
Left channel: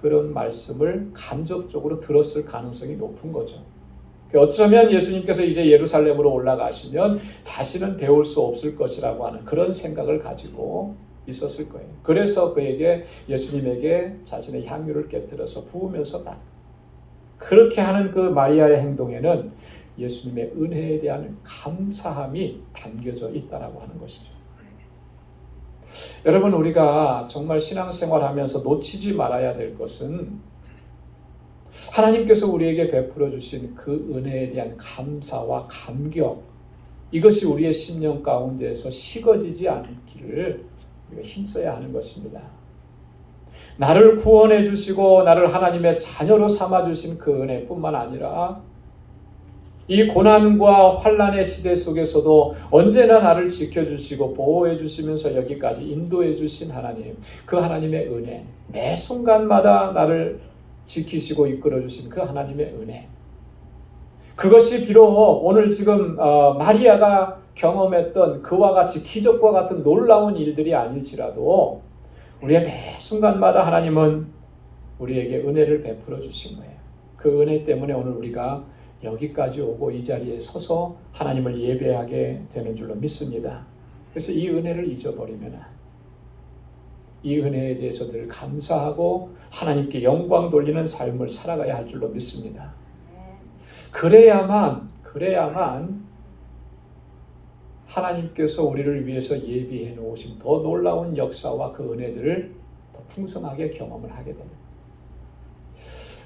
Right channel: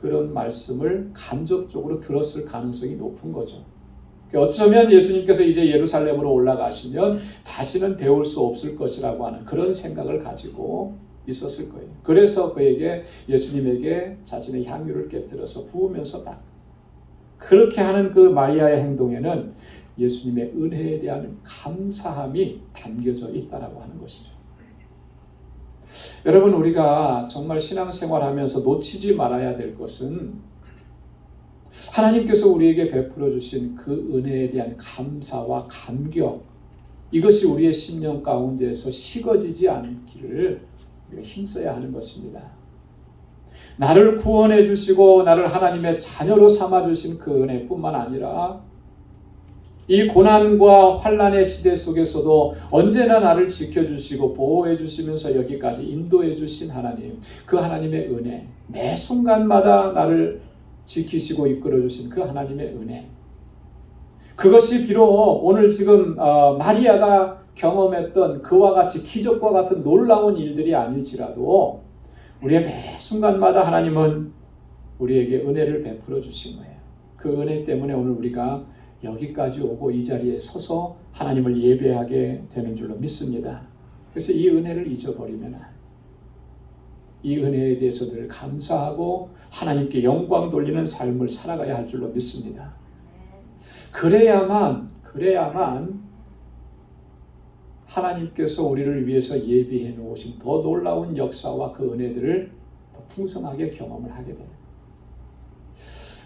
그런 말씀을 간접적으로 들었을 가능성이 높은 거죠. 어쩌면 예수님께서 이제 예루살렘으로 올라가시면 다시는 배울 수 없을 것이라고 하는 그런 생각을 가지고 있었을 거예요. 그래서 그에게 예수님에게 자신의 향유를 깨뜨려서 부으면서 딱 그렇게 하는 그 마리아의 행동에는 예수님의 은혜에 대한 감사함이 담겨져 있다라고 하는 것이죠. 여러분, 우리가 정말 신앙생활하면서 놓치지 말아야 될 것은 하나님께서 우리에게 베풀어 주신 그 은혜에 대한 감사와 감격, 이것이 우리의 심령 가운데에서 식어지지 않기를 우리가 힘써야 하는 것입니다. 나를 구원해 주시고 나를 하나님의 자녀로 삼아 주신 그 은혜뿐만 아니라 이 고난과 환난의 시대 속에서도 언제나 나를 지켜주시고 보호해 주시면서 여기까지 인도해 주신 하나님, 그 하나님의 은혜, 매 순간마다 나를 지키시고 이끌어 주신 그 하나님의 은혜, 그것이 비록 오늘 지금 마리아가 경험했던 그와 같이 기적과 같은 놀라운 일들이 아닐지라도 우리의 매 순간마다 하나님은 우리에게 은혜를 베풀어 주신 거예요. 그 은혜 때문에 오늘 우리가 여기까지 오고 이 자리에 서서 하나님을 예배하게 되는 줄로 믿습니다. 그래서 이 은혜를 잊어버리면 이 은혜에 대해서 늘 감사하고 하나님께 영광 돌리는 삶을 살아가야 할 줄로 믿습니다. 그래야만 하나님께서 우리를 위해서 예비해 놓으신 더 놀라운 역사와 그 은혜들을 더 풍성하게 경험을 하게 됩니다.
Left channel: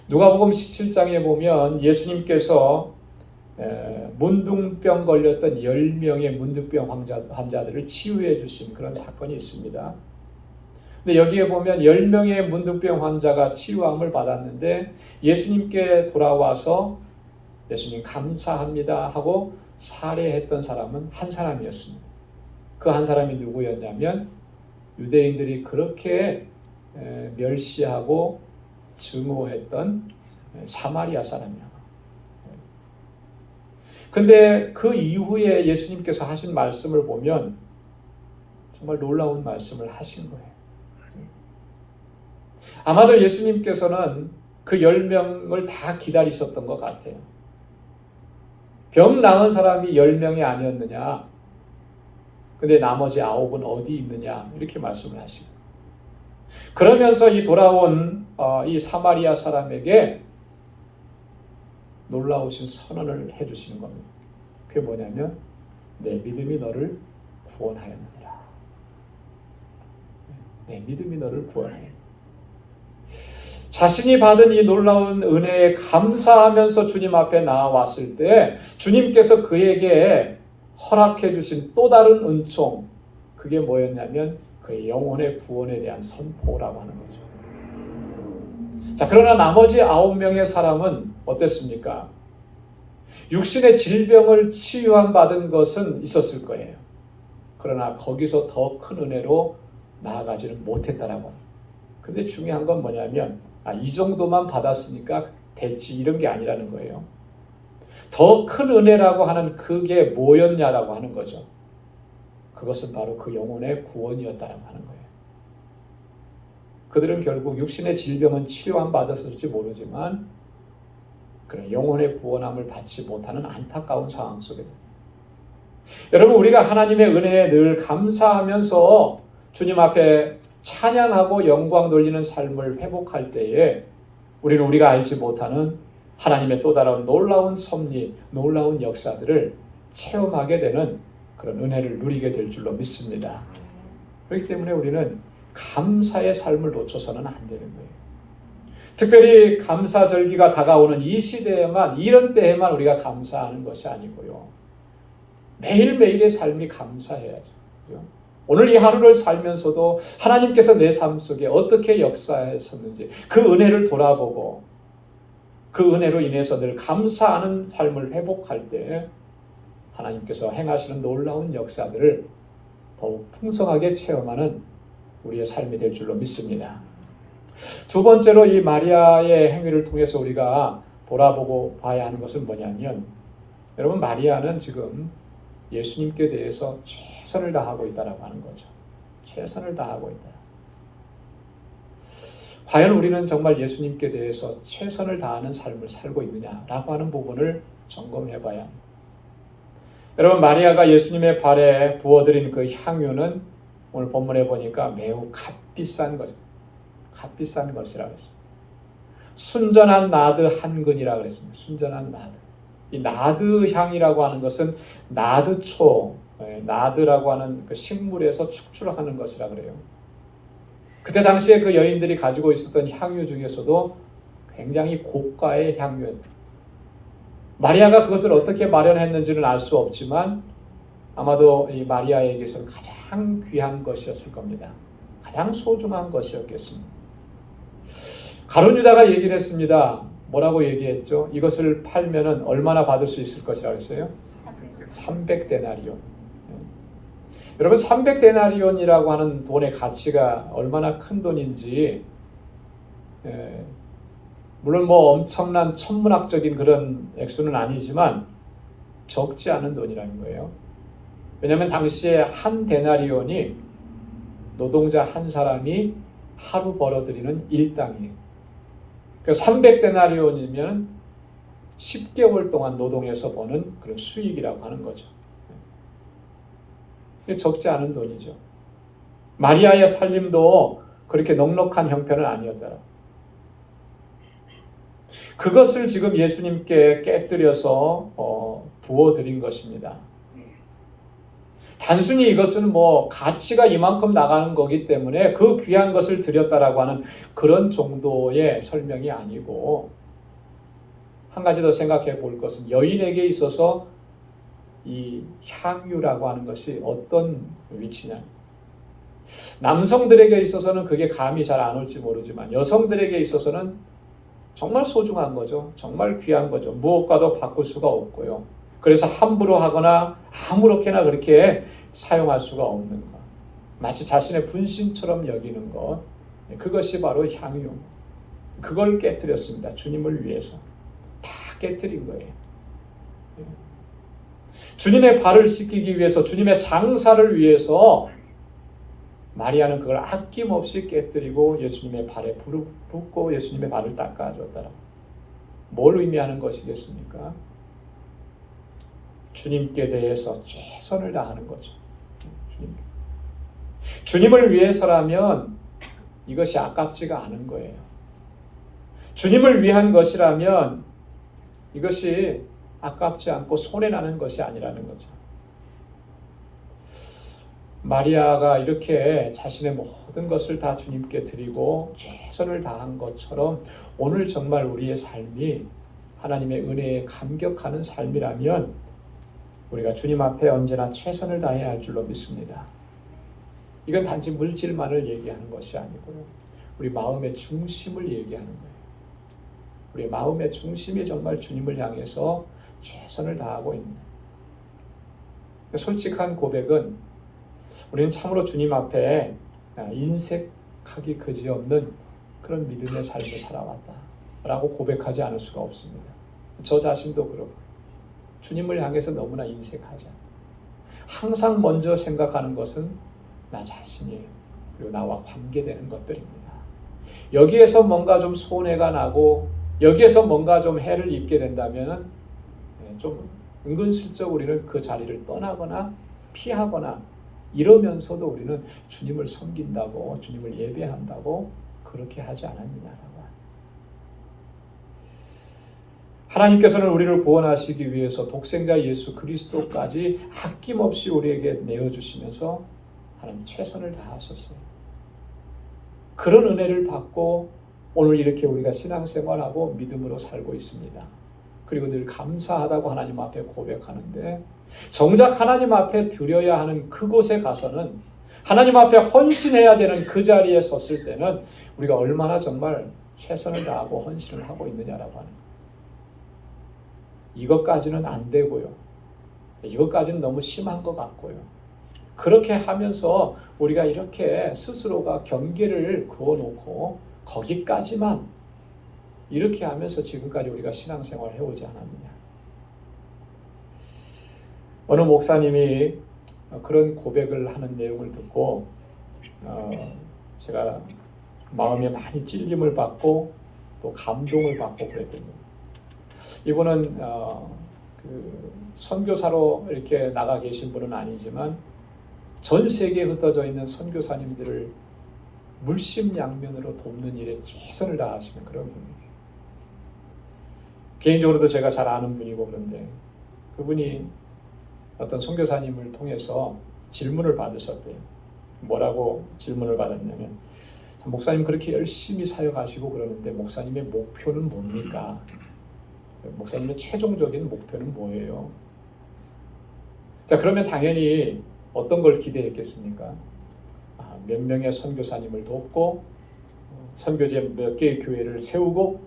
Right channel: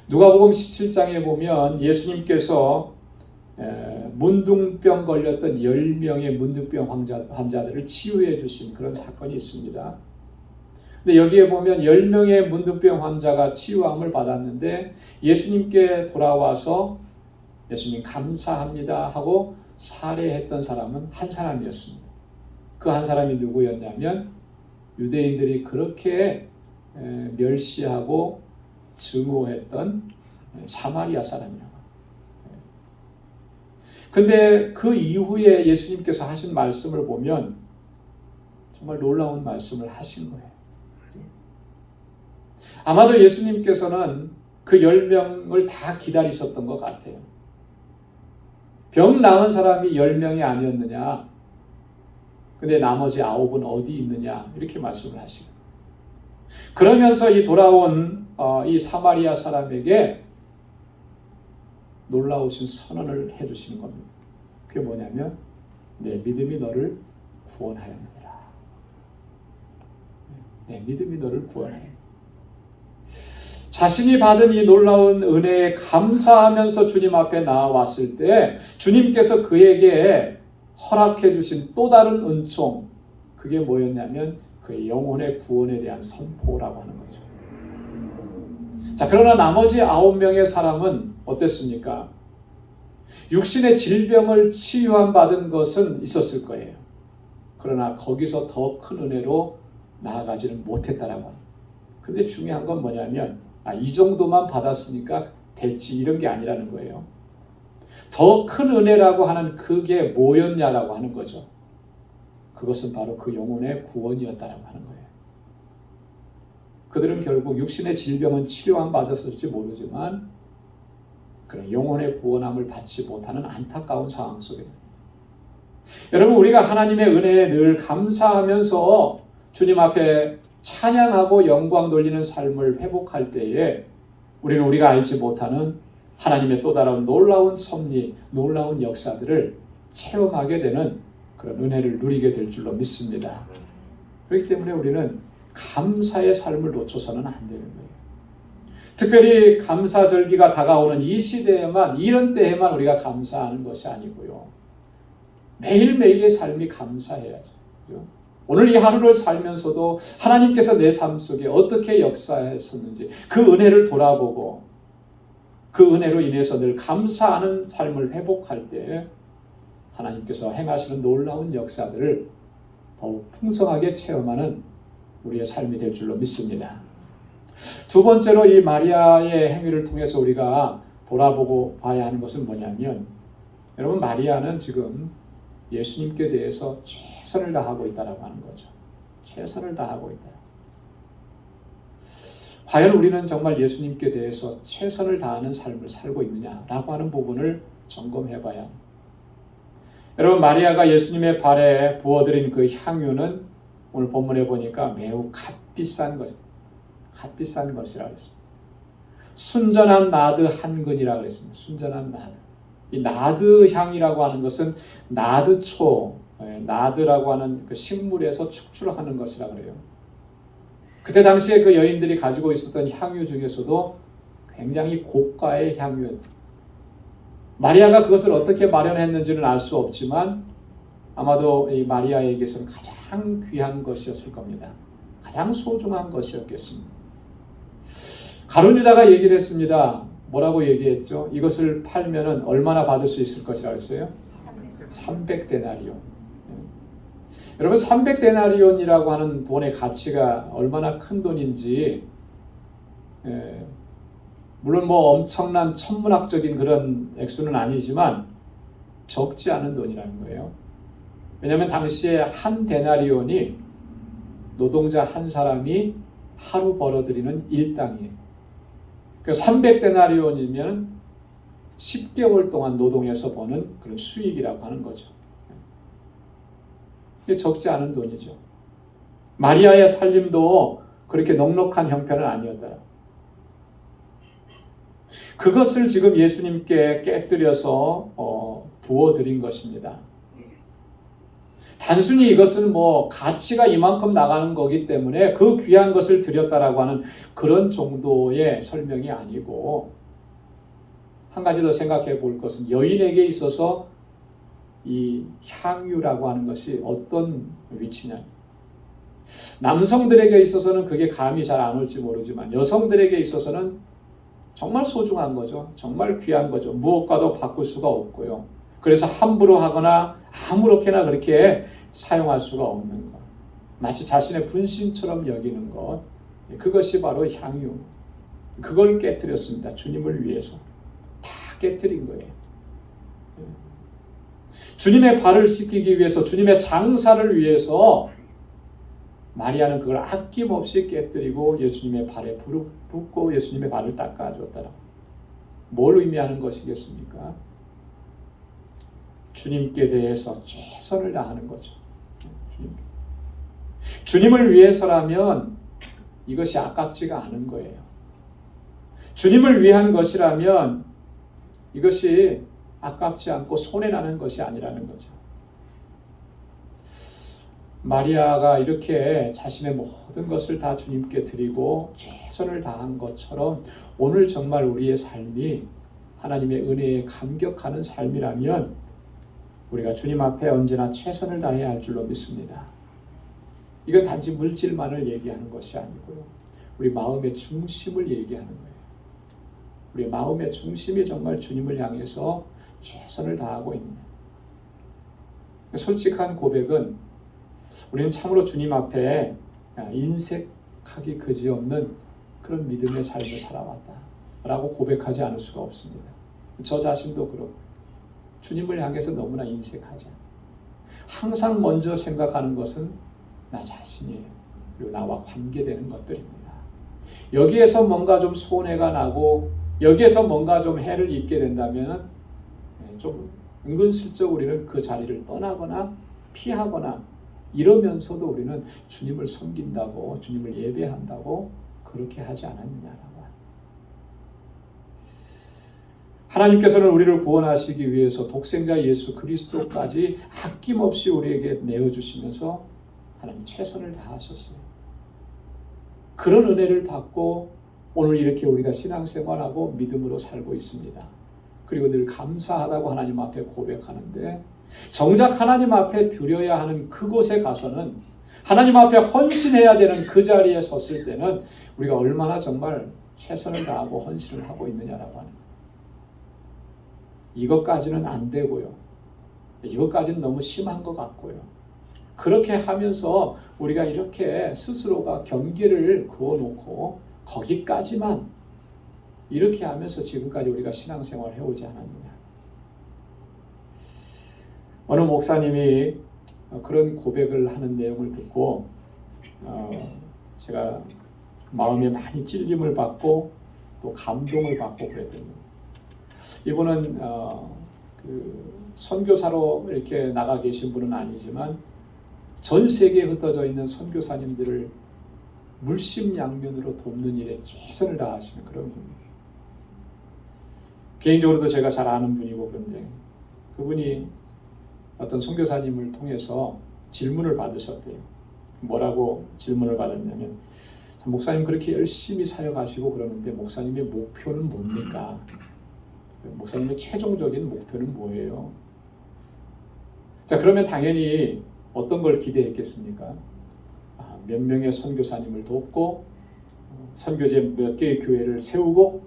누가복음 17장에 보면 예수님께서 문둥병 걸렸던 10명의 문둥병 환자들을 치유해 주신 그런 사건이 있습니다. 근데 여기에 보면 10명의 문둥병 환자가 치유함을 받았는데 예수님께 돌아와서 예수님 감사합니다 하고 살해했던 사람은 한 사람이었습니다. 그 한 사람이 누구였냐면 유대인들이 그렇게 멸시하고 증오했던 사마리아 사람이에요. 근데 그 이후에 예수님께서 하신 말씀을 보면 정말 놀라운 말씀을 하신 거예요. 아마도 예수님께서는 그 10명을 다 기다리셨던 것 같아요. 병 나은 사람이 10명이 아니었느냐? 근데 나머지 9은 어디 있느냐? 이렇게 말씀하시고 그러면서 이 돌아온 이 사마리아 사람에게 놀라우신 선언을 해주시는 겁니다. 그게 뭐냐면 내 믿음이 너를 구원하였느니라. 내 믿음이 너를 구원하였느니라. 자신이 받은 이 놀라운 은혜에 감사하면서 주님 앞에 나아왔을 때 주님께서 그에게 허락해 주신 또 다른 은총, 그게 뭐였냐면 그의 영혼의 구원에 대한 선포라고 하는 거죠. 자, 그러나 나머지 9명의 사람은 어땠습니까? 육신의 질병을 치유함 받은 것은 있었을 거예요. 그러나 거기서 더 큰 은혜로 나아가지는 못했다라고. 근데 중요한 건 뭐냐면 이 정도만 받았으니까 됐지 이런 게 아니라는 거예요. 더 큰 은혜라고 하는 그게 뭐였냐라고 하는 거죠. 그것은 바로 그 영혼의 구원이었다라고 하는 거예요. 그들은 결국 육신의 질병은 치료함 받았을지 모르지만 그런 영혼의 구원함을 받지 못하는 안타까운 상황 속에 여러분, 우리가 하나님의 은혜에 늘 감사하면서 주님 앞에 찬양하고 영광 돌리는 삶을 회복할 때에 우리는 우리가 알지 못하는 하나님의 또 다른 놀라운 섭리, 놀라운 역사들을 체험하게 되는 그런 은혜를 누리게 될 줄로 믿습니다. 그렇기 때문에 우리는 감사의 삶을 놓쳐서는 안 되는 거예요. 특별히 감사절기가 다가오는 이 시대에만, 이런 때에만 우리가 감사하는 것이 아니고요. 매일매일의 삶이 감사해야죠. 오늘 이 하루를 살면서도 하나님께서 내 삶 속에 어떻게 역사하셨는지 그 은혜를 돌아보고 그 은혜로 인해서 늘 감사하는 삶을 회복할 때 하나님께서 행하시는 놀라운 역사들을 더욱 풍성하게 체험하는 우리의 삶이 될 줄로 믿습니다. 두 번째로 이 마리아의 행위를 통해서 우리가 돌아보고 봐야 하는 것은 뭐냐면, 여러분, 마리아는 지금 예수님께 대해서 최선을 다하고 있다라고 하는 거죠. 최선을 다하고 있다. 과연 우리는 정말 예수님께 대해서 최선을 다하는 삶을 살고 있느냐라고 하는 부분을 점검해 봐야 합니다. 여러분, 마리아가 예수님의 발에 부어드린 그 향유는 오늘 본문에 보니까 매우 값비싼 거죠. 값비싼 것이라고 했습니다. 순전한 나드 한 근이라고 했습니다. 순전한 나드. 이 나드 향이라고 하는 것은 나드초, 나드라고 하는 그 식물에서 축출하는 것이라고 그래요. 그때 당시에 그 여인들이 가지고 있었던 향유 중에서도 굉장히 고가의 향유였다. 마리아가 그것을 어떻게 마련했는지는 알 수 없지만 아마도 이 마리아에게서는 가장 귀한 것이었을 겁니다. 가장 소중한 것이었겠습니다. 가룟 유다가 얘기를 했습니다. 뭐라고 얘기했죠? 이것을 팔면은 얼마나 받을 수 있을 것이라고 했어요? 300데나리온. 여러분, 300데나리온이라고 하는 돈의 가치가 얼마나 큰 돈인지, 물론 뭐 엄청난 천문학적인 그런 액수는 아니지만 적지 않은 돈이라는 거예요. 왜냐하면 당시에 한 데나리온이 노동자 한 사람이 하루 벌어들이는 일당이에요. 그러니까 300데나리온이면 10개월 동안 노동해서 버는 그런 수익이라고 하는 거죠. 이게 적지 않은 돈이죠. 마리아의 살림도 그렇게 넉넉한 형편은 아니었더라. 그것을 지금 예수님께 깨뜨려서 부어드린 것입니다. 단순히 이것은 뭐 가치가 이만큼 나가는 거기 때문에 그 귀한 것을 드렸다라고 하는 그런 정도의 설명이 아니고, 한 가지 더 생각해 볼 것은 여인에게 있어서 이 향유라고 하는 것이 어떤 위치냐. 남성들에게 있어서는 그게 감이 잘 안 올지 모르지만 여성들에게 있어서는 정말 소중한 거죠. 정말 귀한 거죠. 무엇과도 바꿀 수가 없고요. 그래서 함부로 하거나 아무렇게나 그렇게 사용할 수가 없는 것. 마치 자신의 분신처럼 여기는 것. 그것이 바로 향유. 그걸 깨뜨렸습니다. 주님을 위해서. 다 깨뜨린 거예요. 주님의 발을 씻기기 위해서, 주님의 장사를 위해서 마리아는 그걸 아낌없이 깨뜨리고 예수님의 발에 불을 붓고 예수님의 발을 닦아줬다. 뭘 의미하는 것이겠습니까? 주님께 대해서 최선을 다하는 거죠. 주님을 위해서라면 이것이 아깝지가 않은 거예요. 주님을 위한 것이라면 이것이 아깝지 않고 손해나는 것이 아니라는 거죠. 마리아가 이렇게 자신의 모든 것을 다 주님께 드리고 최선을 다한 것처럼 오늘 정말 우리의 삶이 하나님의 은혜에 감격하는 삶이라면 우리가 주님 앞에 언제나 최선을 다해야 할 줄로 믿습니다. 이건 단지 물질만을 얘기하는 것이 아니고 우리 마음의 중심을 얘기하는 거예요. 우리 마음의 중심이 정말 주님을 향해서 최선을 다하고 있는 거예요. 솔직한 고백은 우리는 참으로 주님 앞에 인색하기 그지없는 그런 믿음의 삶을 살아왔다 라고 고백하지 않을 수가 없습니다. 저 자신도 그렇고 주님을 향해서 너무나 인색하지 않아요. 항상 먼저 생각하는 것은 나 자신이에요. 그리고 나와 관계되는 것들입니다. 여기에서 뭔가 좀 손해가 나고 여기에서 뭔가 좀 해를 입게 된다면 좀 은근슬쩍 우리는 그 자리를 떠나거나 피하거나 이러면서도 우리는 주님을 섬긴다고, 주님을 예배한다고 그렇게 하지 않았느냐라고. 하나님께서는 우리를 구원하시기 위해서 독생자 예수 그리스도까지 아낌없이 우리에게 내어주시면서 하나님 최선을 다하셨어요. 그런 은혜를 받고 오늘 이렇게 우리가 신앙생활하고 믿음으로 살고 있습니다. 그리고 늘 감사하다고 하나님 앞에 고백하는데, 정작 하나님 앞에 드려야 하는 그곳에 가서는, 하나님 앞에 헌신해야 되는 그 자리에 섰을 때는 우리가 얼마나 정말 최선을 다하고 헌신을 하고 있느냐라고 하는 거예요. 이것까지는 안 되고요. 이것까지는 너무 심한 것 같고요. 그렇게 하면서 우리가 이렇게 스스로가 경계를 그어놓고 거기까지만 이렇게 하면서 지금까지 우리가 신앙생활을 해오지 않았느냐. 어느 목사님이 그런 고백을 하는 내용을 듣고 제가 마음에 많이 찔림을 받고 또 감동을 받고 그랬거든요. 이분은 그 선교사로 이렇게 나가 계신 분은 아니지만 전 세계에 흩어져 있는 선교사님들을 물심양면으로 돕는 일에 최선을 다하시는 그런 분이에요. 개인적으로도 제가 잘 아는 분이고, 그런데 그분이 어떤 선교사님을 통해서 질문을 받으셨대요. 뭐라고 질문을 받았냐면, 목사님 그렇게 열심히 사역하시고 그러는데 목사님의 목표는 뭡니까? 목사님의 최종적인 목표는 뭐예요? 자, 그러면 당연히 어떤 걸 기대했겠습니까? 몇 명의 선교사님을 돕고 선교제 몇 개의 교회를 세우고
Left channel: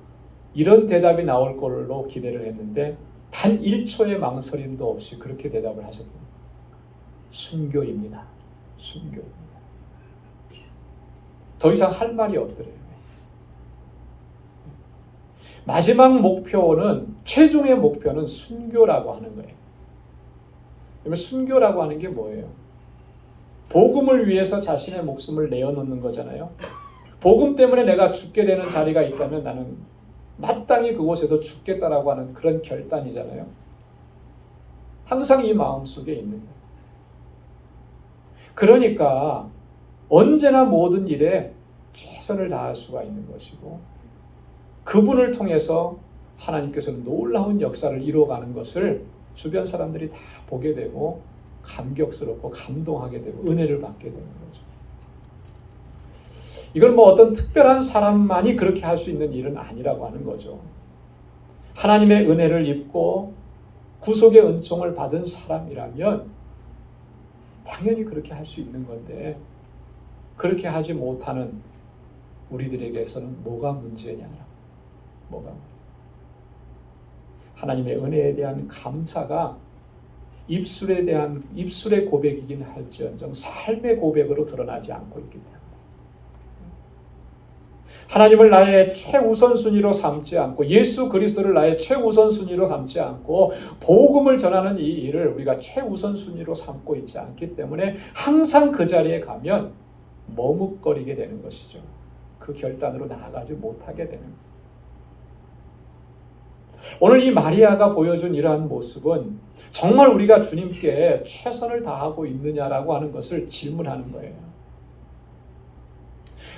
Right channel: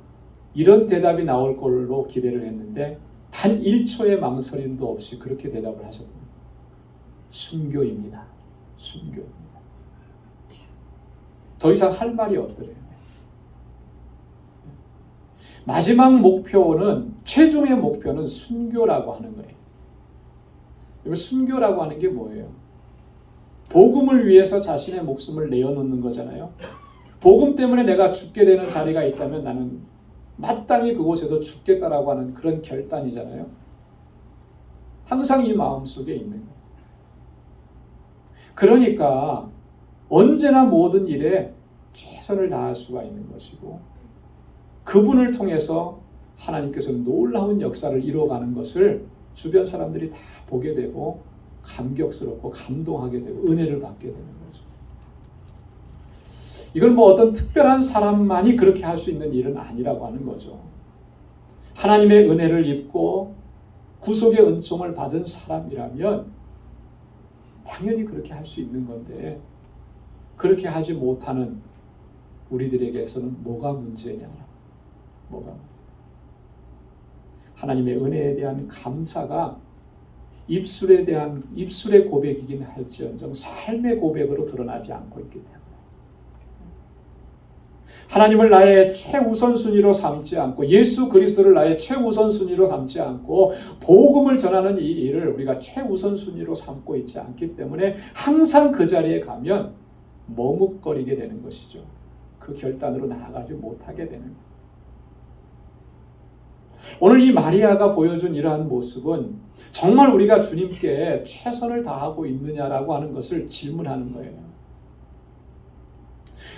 이런 대답이 나올 걸로 기대를 했는데 단 1초의 망설임도 없이 그렇게 대답을 하셨습니다. 순교입니다. 순교입니다. 더 이상 할 말이 없더래요. 마지막 목표는, 최종의 목표는 순교라고 하는 거예요. 그러면 순교라고 하는 게 뭐예요? 복음을 위해서 자신의 목숨을 내어놓는 거잖아요. 복음 때문에 내가 죽게 되는 자리가 있다면 나는 마땅히 그곳에서 죽겠다라고 하는 그런 결단이잖아요. 항상 이 마음속에 있는 거예요. 그러니까 언제나 모든 일에 최선을 다할 수가 있는 것이고, 그분을 통해서 하나님께서 놀라운 역사를 이루어가는 것을 주변 사람들이 다 보게 되고 감격스럽고 감동하게 되고 은혜를 받게 되는 거죠. 이건 뭐 어떤 특별한 사람만이 그렇게 할 수 있는 일은 아니라고 하는 거죠. 하나님의 은혜를 입고 구속의 은총을 받은 사람이라면 당연히 그렇게 할 수 있는 건데, 그렇게 하지 못하는 우리들에게서는 뭐가 문제냐? 뭐가? 하나님의 은혜에 대한 감사가 입술의 고백이긴 할지언정 삶의 고백으로 드러나지 않고 있기 때문에, 하나님을 나의 최우선순위로 삼지 않고 예수 그리스도를 나의 최우선순위로 삼지 않고 복음을 전하는 이 일을 우리가 최우선순위로 삼고 있지 않기 때문에 항상 그 자리에 가면 머뭇거리게 되는 것이죠. 그 결단으로 나아가지 못하게 되는 거예요. 오늘 이 마리아가 보여준 이러한 모습은 정말 우리가 주님께 최선을 다하고 있느냐라고 하는 것을 질문하는 거예요.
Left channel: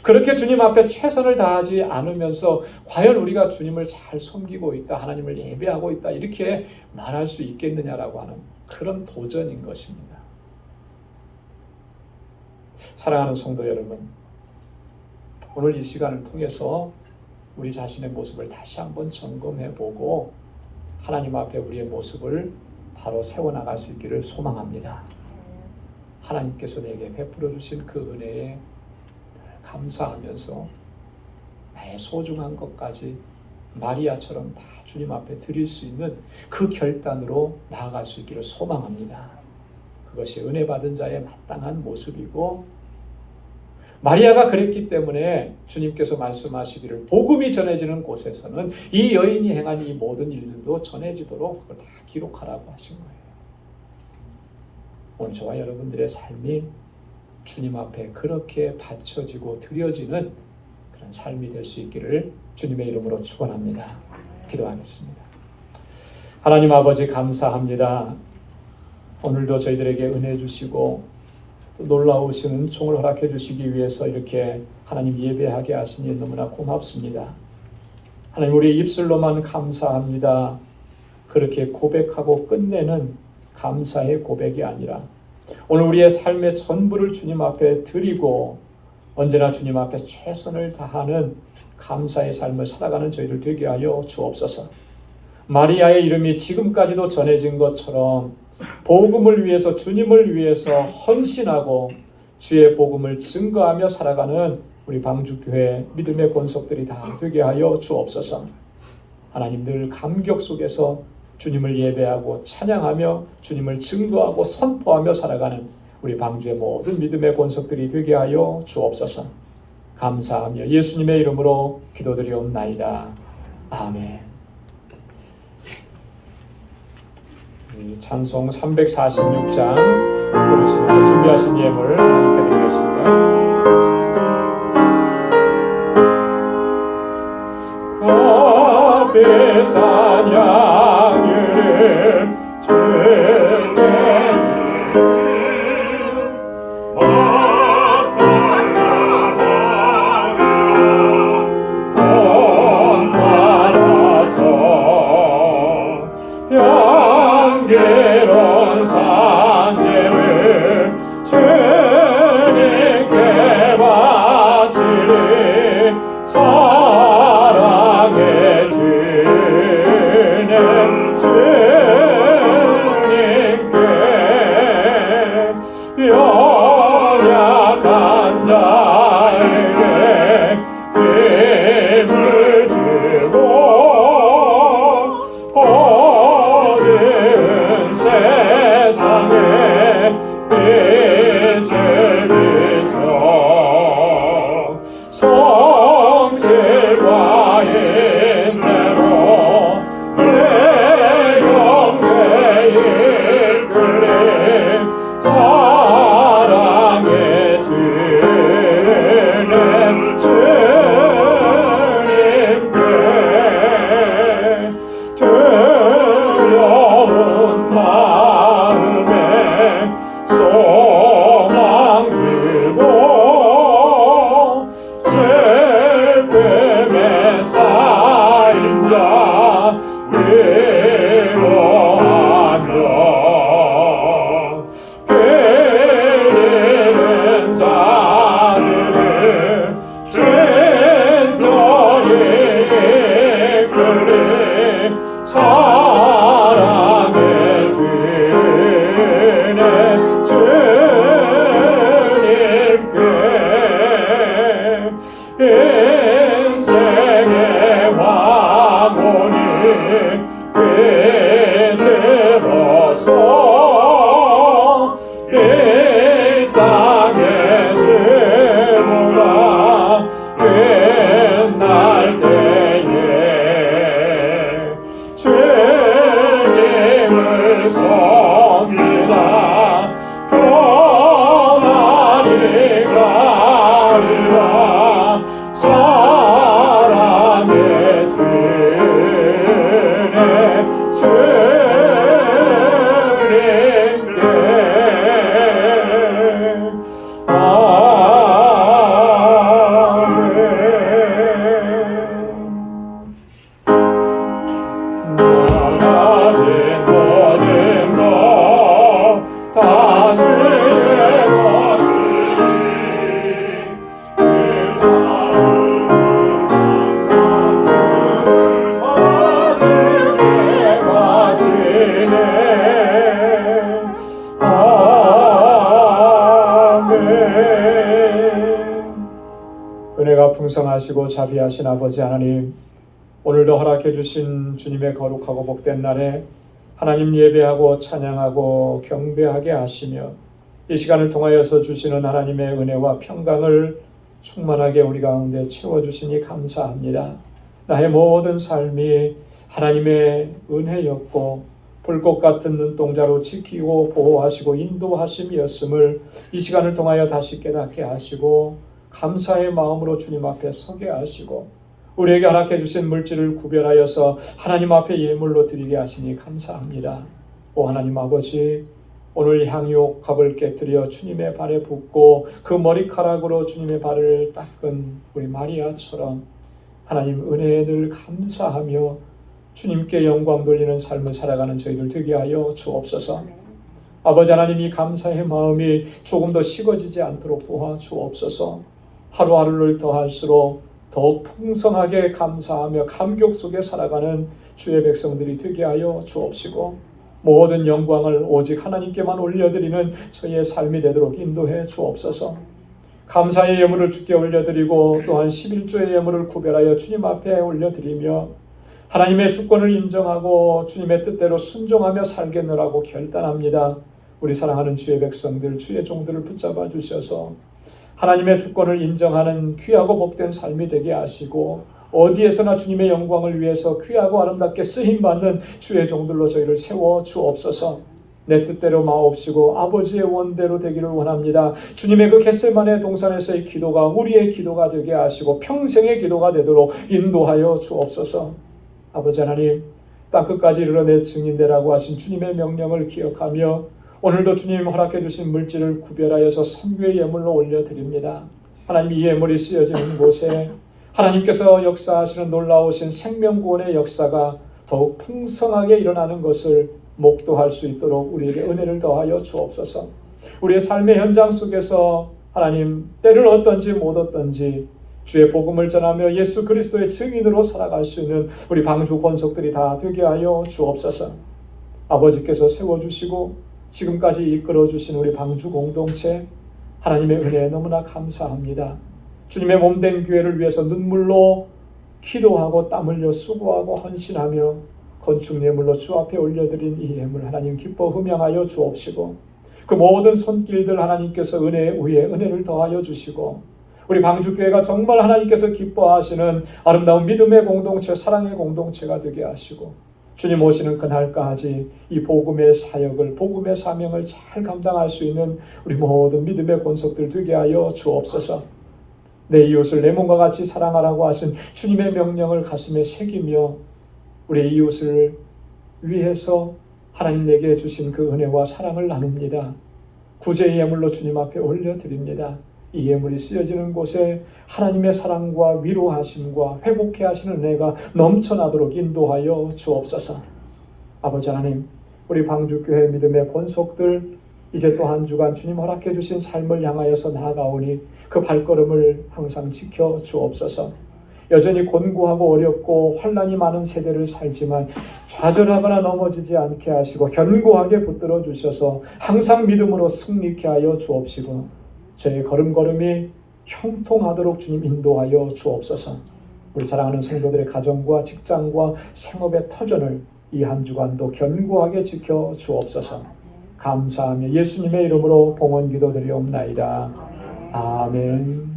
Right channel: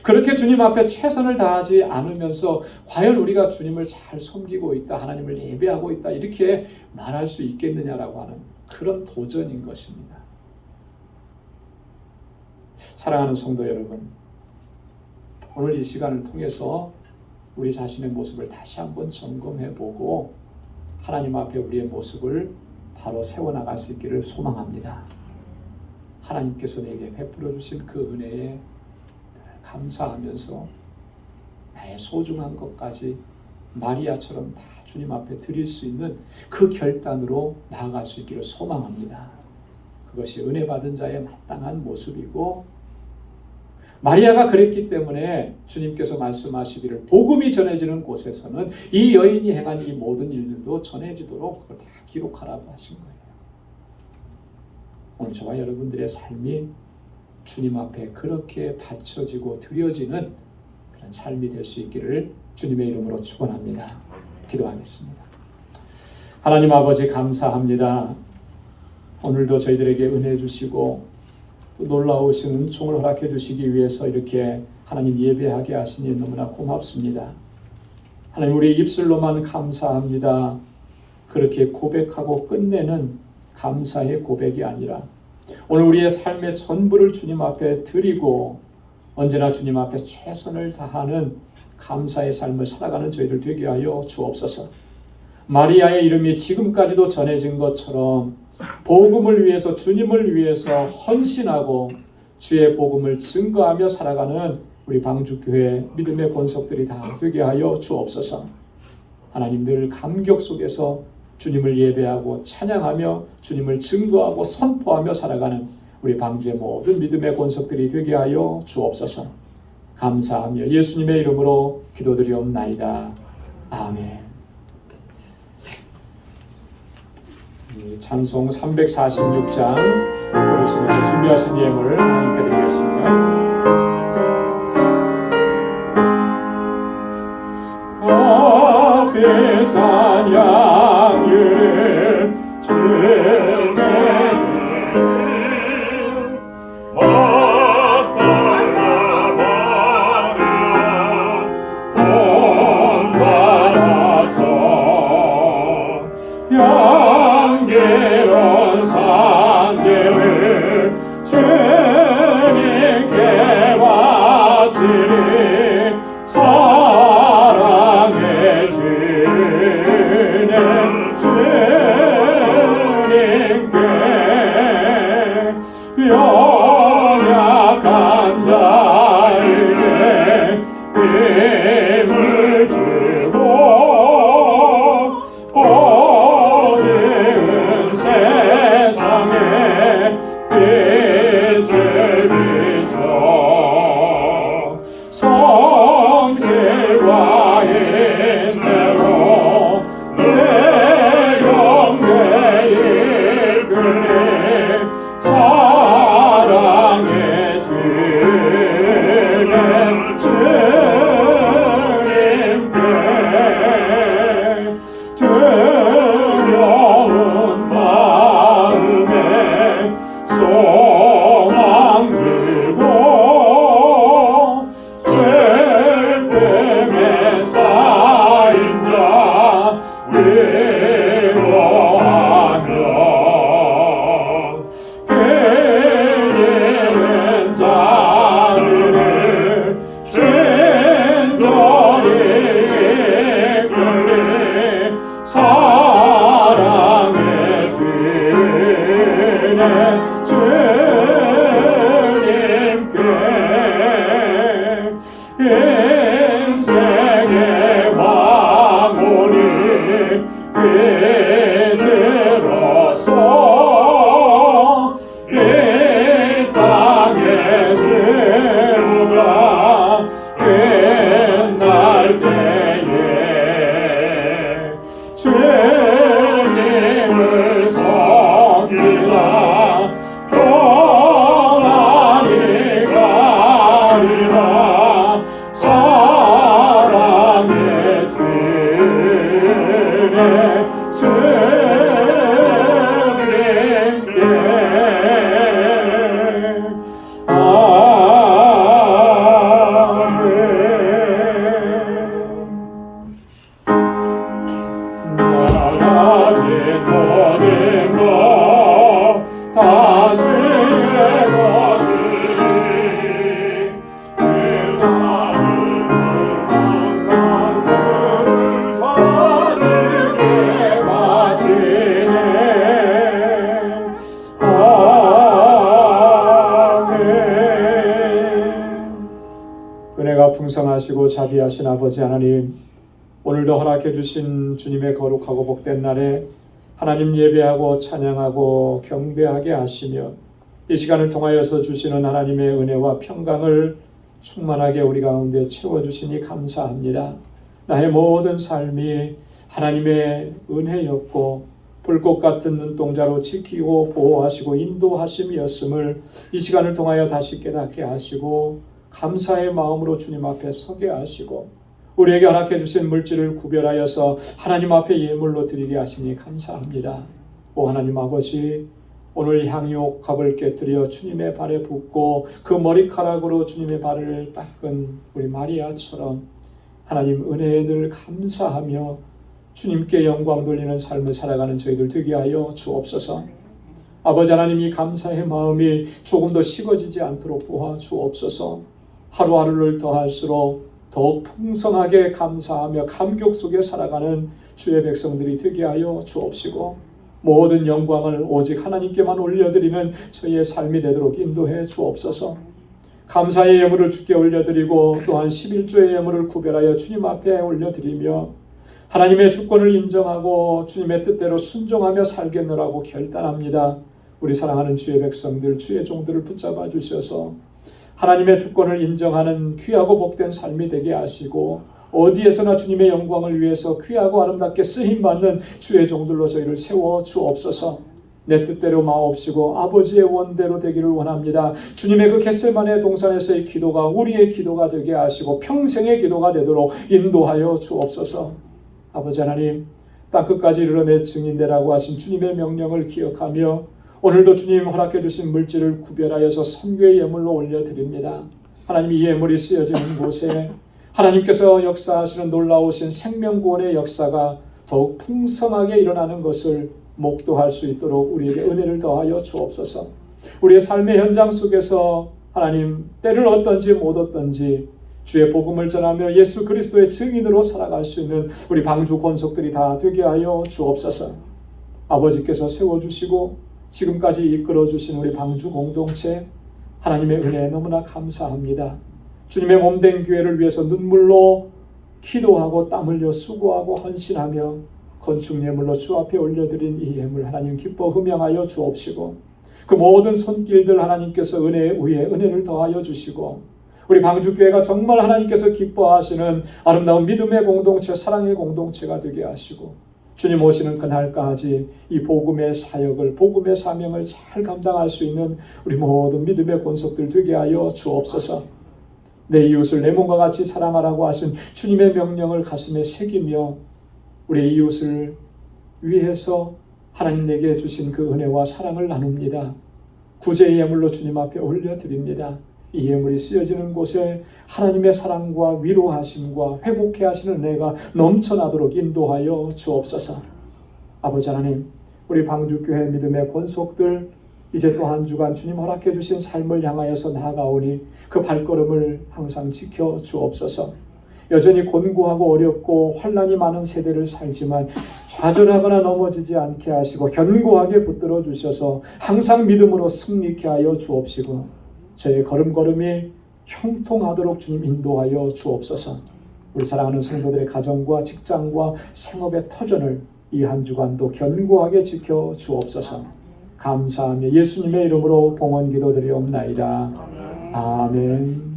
그렇게 주님 앞에 최선을 다하지 않으면서 과연 우리가 주님을 잘 섬기고 있다, 하나님을 예배하고 있다 이렇게 말할 수 있겠느냐라고 하는 그런 도전인 것입니다. 사랑하는 성도 여러분, 오늘 이 시간을 통해서 우리 자신의 모습을 다시 한번 점검해보고 하나님 앞에 우리의 모습을 바로 세워나갈 수 있기를 소망합니다. 하나님께서 내게 베풀어 주신 그 은혜에 감사하면서 나의 소중한 것까지 마리아처럼 다 주님 앞에 드릴 수 있는 그 결단으로 나아갈 수 있기를 소망합니다. 그것이 은혜 받은 자의 마땅한 모습이고, 마리아가 그랬기 때문에 주님께서 말씀하시기를 복음이 전해지는 곳에서는 이 여인이 행한 이 모든 일들도 전해지도록 다 기록하라고 하신 거예요. 오늘 저와 여러분들의 삶이 주님 앞에 그렇게 바쳐지고 드려지는 그런 삶이 될 수 있기를 주님의 이름으로 축원합니다. 기도하겠습니다. 하나님 아버지 감사합니다. 오늘도 저희들에게 은혜 주시고 또 놀라우신 은총을 허락해 주시기 위해서 이렇게 하나님 예배하게 하시니 너무나 고맙습니다. 하나님, 우리 입술로만 감사합니다, 그렇게 고백하고 끝내는 감사의 고백이 아니라 오늘 우리의 삶의 전부를 주님 앞에 드리고 언제나 주님 앞에 최선을 다하는 감사의 삶을 살아가는 저희들 되게 하여 주옵소서. 마리아의 이름이 지금까지도 전해진 것처럼 복음을 위해서, 주님을 위해서 헌신하고 주의 복음을 증거하며 살아가는 우리 방주교회 믿음의 권속들이 다 되게 하여 주옵소서. 하나님, 늘 감격 속에서 주님을 예배하고 찬양하며 주님을 증거하고 선포하며 살아가는 우리 방주의 모든 믿음의 권속들이 되게 하여 주옵소서. 감사하며 예수님의 이름으로 기도드리옵나이다. 아멘. 찬송 346장 부르시면서 준비하신 예물을 하나님께 드리겠습니다. 값비싼 양을 주께 향기로운 산재를 주님께 바치리 사랑해 주는 주님께 연약한 자에게 힘을 주고 어두운 세상에 빛을 비춰 성질과 인내로 내 영혼을 이끌리 사랑해 주는 주님께 두려운 마음에 소망 주고 슬픔에 쌓인 자 위로하며 길 잃은 자들을 친절히 이끌리 사랑해 주는 주님께 인생의 왕혼이 깃들어서 이 땅에 스무나 끝날 때에 주님을 섬기라 더 많이 가리라 사랑해 주는 주님께 아멘. 나가진 모든 것 다 주의 것이니 내 마음을 다 주께 바치네. 아멘. 은혜가 풍성하시고 자비하신 아버지 하나님, 오늘도 허락해 주신 주님의 거룩하고 복된 날에 하나님 예배하고 찬양하고 경배하게 하시며 이 시간을 통하여서 주시는 하나님의 은혜와 평강을 충만하게 우리 가운데 채워주시니 감사합니다. 나의 모든 삶이 하나님의 은혜였고 불꽃 같은 눈동자로 지키고 보호하시고 인도하심이었음을 이 시간을 통하여 다시 깨닫게 하시고 감사의 마음으로 주님 앞에 서게 하시고 우리에게 허락해 주신 물질을 구별하여서 하나님 앞에 예물로 드리게 하시니 감사합니다. 오 하나님 아버지, 오늘 향유옥합을 깨뜨려 주님의 발에 붓고 그 머리카락으로 주님의 발을 닦은 우리 마리아처럼 하나님 은혜에 늘 감사하며 주님께 영광 돌리는 삶을 살아가는 저희들 되게 하여 주옵소서. 아버지 하나님, 이 감사의 마음이 조금 더 식어지지 않도록 도와 주옵소서. 하루하루를 더할수록 더욱 풍성하게 감사하며 감격 속에 살아가는 주의 백성들이 되게 하여 주옵시고, 모든 영광을 오직 하나님께만 올려드리는 저희의 삶이 되도록 인도해 주옵소서. 감사의 예물을 주께 올려드리고 또한 11조의 예물을 구별하여 주님 앞에 올려드리며 하나님의 주권을 인정하고 주님의 뜻대로 순종하며 살겠노라고 결단합니다. 우리 사랑하는 주의 백성들, 주의 종들을 붙잡아 주셔서 하나님의 주권을 인정하는 귀하고 복된 삶이 되게 하시고, 어디에서나 주님의 영광을 위해서 귀하고 아름답게 쓰임받는 주의 종들로 저희를 세워 주옵소서. 내 뜻대로 마옵시고 아버지의 원대로 되기를 원합니다. 주님의 그 겟세마네 동산에서의 기도가 우리의 기도가 되게 하시고 평생의 기도가 되도록 인도하여 주옵소서. 아버지 하나님, 땅끝까지 이르러 내 증인되라고 하신 주님의 명령을 기억하며 오늘도 주님 허락해 주신 물질을 구별하여서 선교의 예물로 올려드립니다. 하나님, 이 예물이 쓰여지는 곳에 하나님께서 역사하시는 놀라우신 생명구원의 역사가 더욱 풍성하게 일어나는 것을 목도할 수 있도록 우리에게 은혜를 더하여 주옵소서. 우리의 삶의 현장 속에서 하나님, 때를 얻든지 못 얻든지 주의 복음을 전하며 예수 그리스도의 증인으로 살아갈 수 있는 우리 방주 권속들이 다 되게 하여 주옵소서. 아버지께서 세워주시고 지금까지 이끌어주신 우리 방주 공동체, 하나님의 은혜에 너무나 감사합니다. 주님의 몸된 교회를 위해서 눈물로 기도하고 땀 흘려 수고하고 헌신하며 건축 예물로 주 앞에 올려드린 이 예물 하나님 기뻐 흠양하여 주옵시고, 그 모든 손길들 하나님께서 은혜 위에 은혜를 더하여 주시고, 우리 방주교회가 정말 하나님께서 기뻐하시는 아름다운 믿음의 공동체, 사랑의 공동체가 되게 하시고, 주님 오시는 그날까지 이 복음의 사역을, 복음의 사명을 잘 감당할 수 있는 우리 모든 믿음의 권속들 되게 하여 주옵소서. 내 이웃을 내 몸과 같이 사랑하라고 하신 주님의 명령을 가슴에 새기며 우리 이웃을 위해서 하나님 내게 주신 그 은혜와 사랑을 나눕니다. 구제의 예물로 주님 앞에 올려드립니다. 이 예물이 쓰여지는 곳에 하나님의 사랑과 위로하심과 회복해 하시는 은혜가 넘쳐나도록 인도하여 주옵소서. 아버지 하나님, 우리 방주교회 믿음의 권속들 이제 또 한 주간 주님 허락해 주신 삶을 향하여서 나아가오니 그 발걸음을 항상 지켜 주옵소서. 여전히 곤고하고 어렵고 환난이 많은 세대를 살지만 좌절하거나 넘어지지 않게 하시고 견고하게 붙들어 주셔서 항상 믿음으로 승리케 하여 주옵시고, 저희 걸음걸음이 형통하도록 주님 인도하여 주옵소서. 우리 사랑하는 성도들의 가정과 직장과 생업의 터전을 이 한 주간도 견고하게 지켜 주옵소서. 감사하며 예수님의 이름으로 봉헌 기도드리옵나이다. 아멘.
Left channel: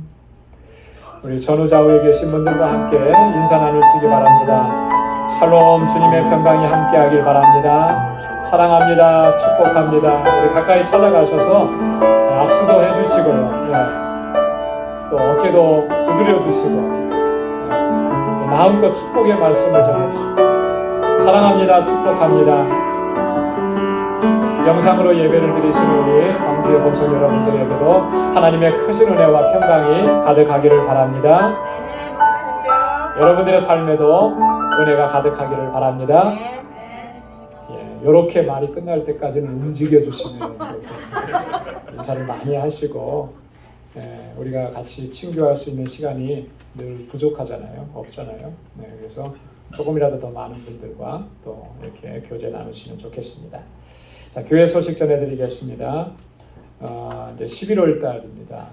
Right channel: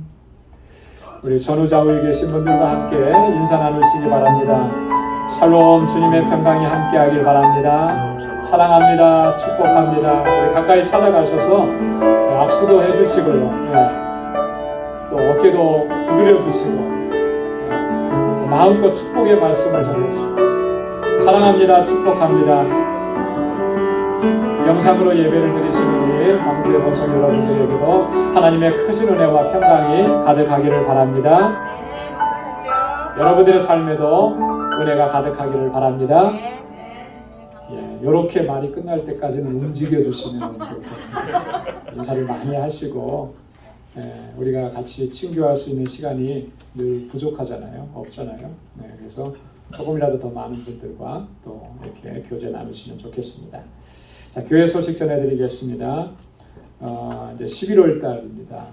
우리 전후좌우에 계신 분들과 함께 인사 나누시기 바랍니다. 샬롬, 주님의 평강이 함께하길 바랍니다. 사랑합니다. 축복합니다. 우리 가까이 찾아가셔서 악수도 해주시고 또 어깨도 두드려 주시고 또 마음껏 축복의 말씀을 전해주시고 사랑합니다. 축복합니다. 영상으로 예배를 드리시는 우리 방주의 본성 여러분들에게도 하나님의 크신 은혜와 평강이 가득하기를 바랍니다. 여러분들의 삶에도 은혜가 가득하기를 바랍니다. 이렇게 말이 끝날 때까지는 움직여 주시면 인사를 많이 하시고, 우리가 같이 친교할 수 있는 시간이 늘 부족하잖아요. 없잖아요. 그래서 조금이라도 더 많은 분들과 또 이렇게 교제 나누시면 좋겠습니다. 자, 교회 소식 전해드리겠습니다. 이제 11월 달입니다.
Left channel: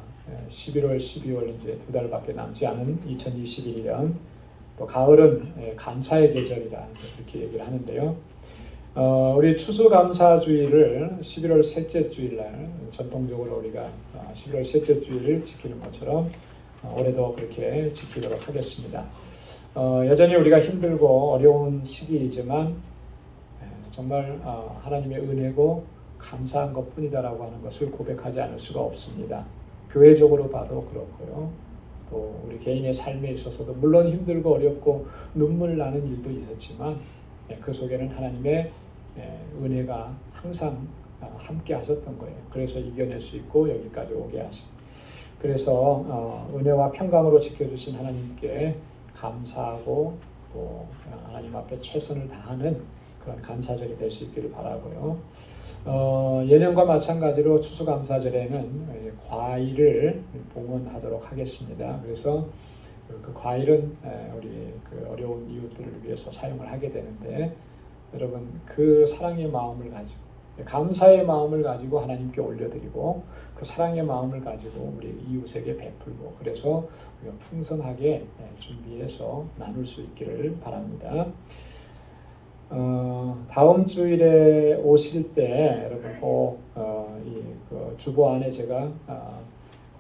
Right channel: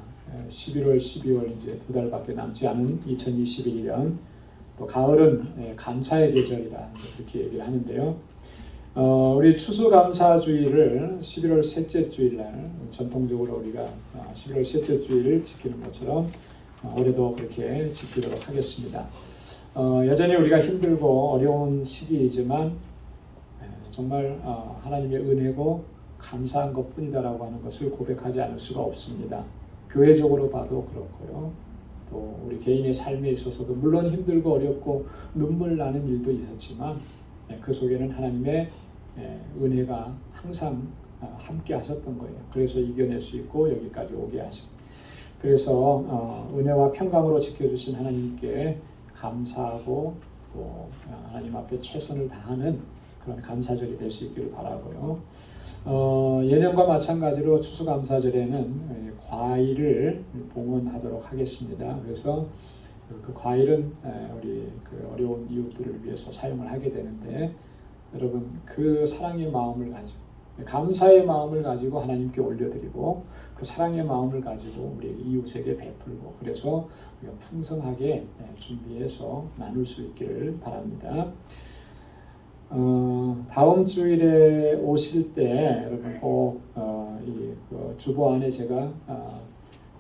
11월, 12월 이제 2달밖에 남지 않은 2021년. 또 가을은 감사의 계절이라 이렇게 얘기를 하는데요. 우리 추수감사주일을 11월 셋째 주일날 전통적으로 우리가 11월 셋째 주일 지키는 것처럼 올해도 그렇게 지키도록 하겠습니다. 여전히 우리가 힘들고 어려운 시기이지만 정말 하나님의 은혜고 감사한 것뿐이다라고 하는 것을 고백하지 않을 수가 없습니다. 교회적으로 봐도 그렇고요. 또 우리 개인의 삶에 있어서도 물론 힘들고 어렵고 눈물 나는 일도 있었지만 그 속에는 하나님의 은혜가 항상 함께 하셨던 거예요. 그래서 이겨낼 수 있고 여기까지 오게 하시고, 그래서 은혜와 평강으로 지켜주신 하나님께 감사하고 또 하나님 앞에 최선을 다하는 그런 감사절이 될 수 있기를 바라고요. 예년과 마찬가지로 추수감사절에는 과일을 봉헌하도록 하겠습니다. 그래서 그 과일은 우리 그 어려운 이웃들을 위해서 사용을 하게 되는데, 여러분 그 사랑의 마음을 가지고 감사의 마음을 가지고 하나님께 올려드리고 그 사랑의 마음을 가지고 우리 이웃에게 베풀고, 그래서 풍성하게 준비해서 나눌 수 있기를 바랍니다. 다음 주일에 오실 때 여러분 꼭 그 주보 안에 제가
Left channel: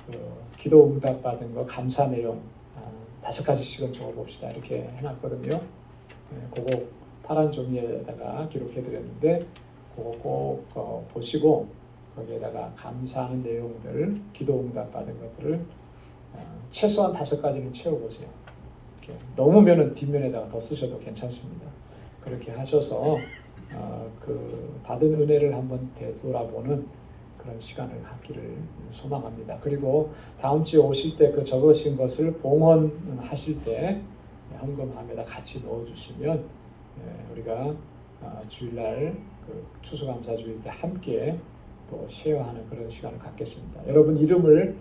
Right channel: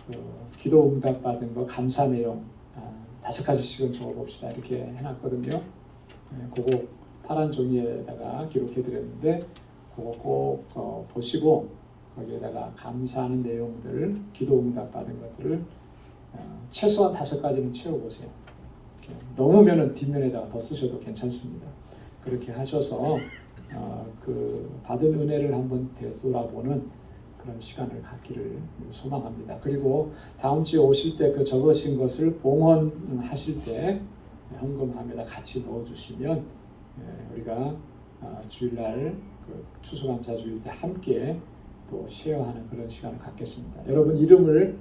그 기도 응답 받은 거 감사 내용 5가지씩은 적어봅시다 이렇게 해놨거든요. 그거 파란 종이에다가 기록해 드렸는데 그거 꼭 보시고 거기에다가 감사하는 내용들, 기도 응답 받은 것들을 최소한 5가지는 채워보세요. 넘으면은 뒷면에다가 더 쓰셔도 괜찮습니다. 그렇게 하셔서 그 받은 은혜를 한번 되돌아보는 그런 시간을 갖기를 소망합니다. 그리고 다음 주에 오실 때 그 적으신 것을 봉헌하실 때 헌금함에다 같이 넣어주시면 우리가 주일날 그 추수감사주일 때 함께 또 쉐어하는 그런 시간을 갖겠습니다. 여러분 이름을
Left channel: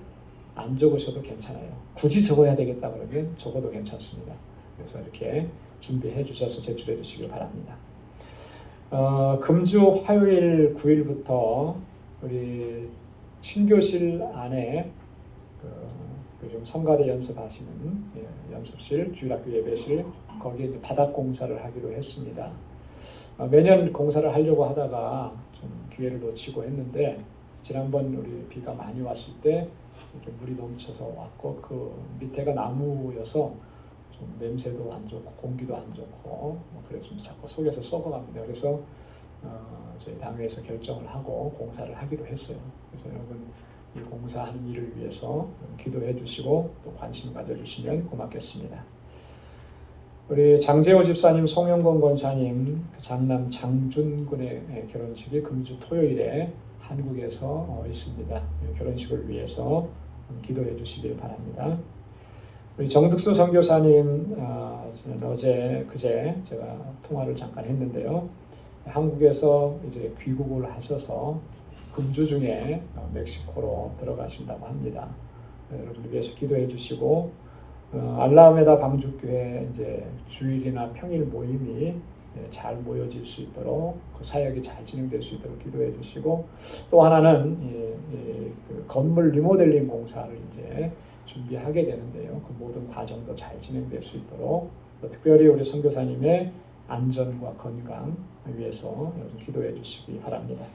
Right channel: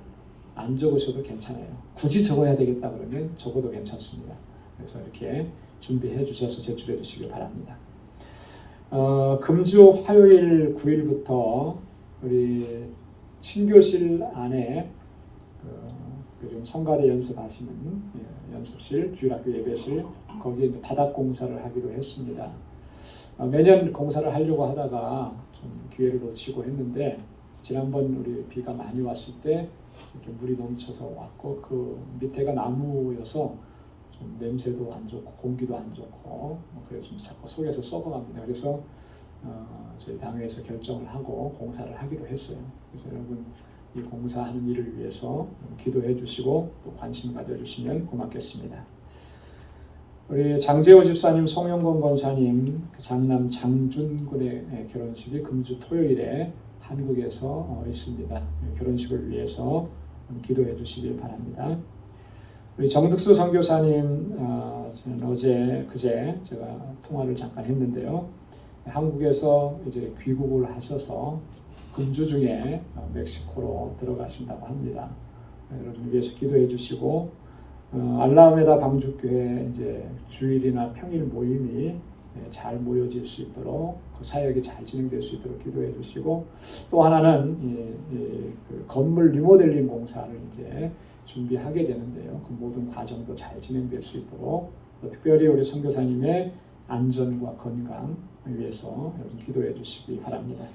안 적으셔도 괜찮아요. 굳이 적어야 되겠다 그러면 적어도 괜찮습니다. 그래서 이렇게 준비해 주셔서 제출해 주시기 바랍니다. 금주 화요일 9일부터 우리 친교실 안에 요즘 성가대 연습하시는 연습실, 주일학교 예배실 거기에 이제 바닥 공사를 하기로 했습니다. 매년 공사를 하려고 하다가 좀 기회를 놓치고 했는데, 지난번 우리 비가 많이 왔을 때 이렇게 물이 넘쳐서 왔고 그 밑에가 나무여서 좀 냄새도 안 좋고 공기도 안 좋고 그래서 좀 자꾸 속에서 썩어갑니다. 그래서 저희 당회에서 결정을 하고 공사를 하기로 했어요. 그래서 여러분 이 공사하는 일을 위해서 기도해 주시고 또 관심 가져주시면 고맙겠습니다. 우리 장재호 집사님, 송영건 권사님 장남 장준군의 결혼식이 금주 토요일에 한국에서 있습니다. 결혼식을 위해서 기도해 주시길 바랍니다. 우리 정득수 선교사님 저는 그제 제가 통화를 잠깐 했는데요. 한국에서 이제 귀국을 하셔서 금주 중에 멕시코로 들어가신다고 합니다. 여러분 위해서 기도해 주시고 알라메다 방주교회 이제 주일이나 평일 모임이 잘 모여질 수 있도록 그 사역이 잘 진행될 수 있도록 기도해 주시고, 또 하나는 그 건물 리모델링 공사를 이제 준비하게 되는데요. 그 모든 과정도 잘 진행될 수 있도록 특별히 우리 선교사님의 안전과 건강 위해서 여러분 기도해 주시기 바랍니다.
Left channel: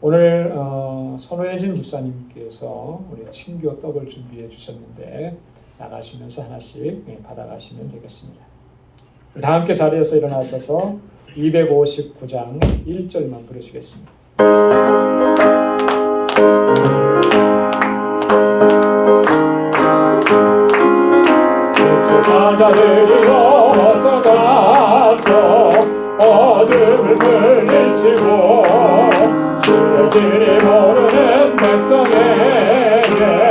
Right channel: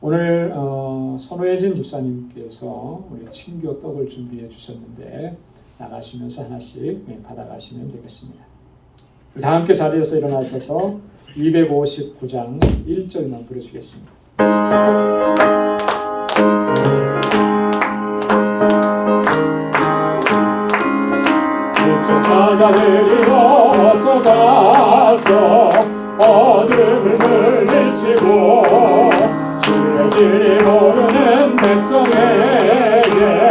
오늘 손회진 집사님께서 우리 친교 떡을 준비해 주셨는데 나가시면서 하나씩 받아가시면 되겠습니다. 다 함께 자리에서 일어나셔서 259장 1절만 부르시겠습니다. 사자들이 어서 가서 어둠을 물리치고 주를 모르는 백성에게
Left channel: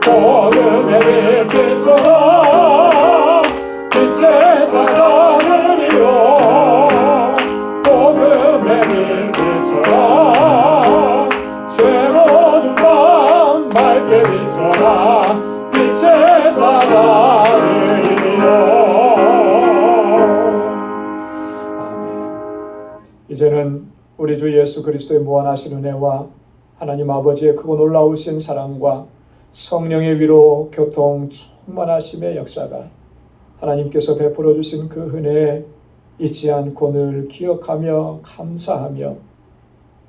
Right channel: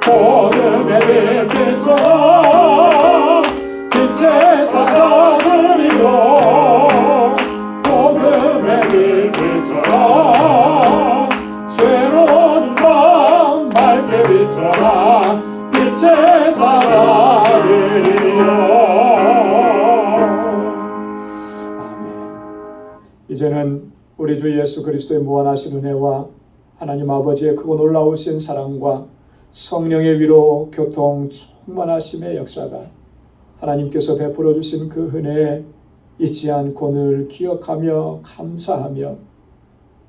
복음의 빛처럼 빛의 사자들이여 복음의 빛처럼 죄로운 밤 밝게 빛처럼 빛의 사자들이여. 아멘. 이제는 우리 주 예수 그리스도의 무한하신 은혜와 하나님 아버지의 크고 놀라우신 사랑과 성령의 위로 교통 충만하심의 역사가 하나님께서 베풀어 주신 그 은혜에 잊지 않고 늘 기억하며 감사하며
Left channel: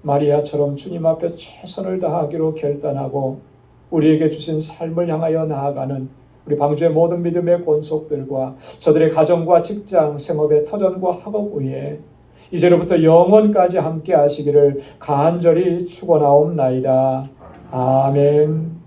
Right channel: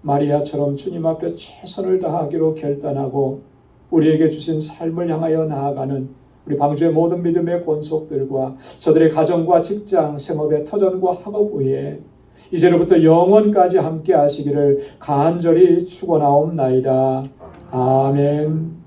마리아처럼 주님 앞에 최선을 다하기로 결단하고 우리에게 주신 삶을 향하여 나아가는 우리 방주의 모든 믿음의 권속들과 저들의 가정과 직장, 생업의 터전과 학업 위에 이제로부터 영원까지 함께 하시기를 간절히 축원하옵나이다. 아멘.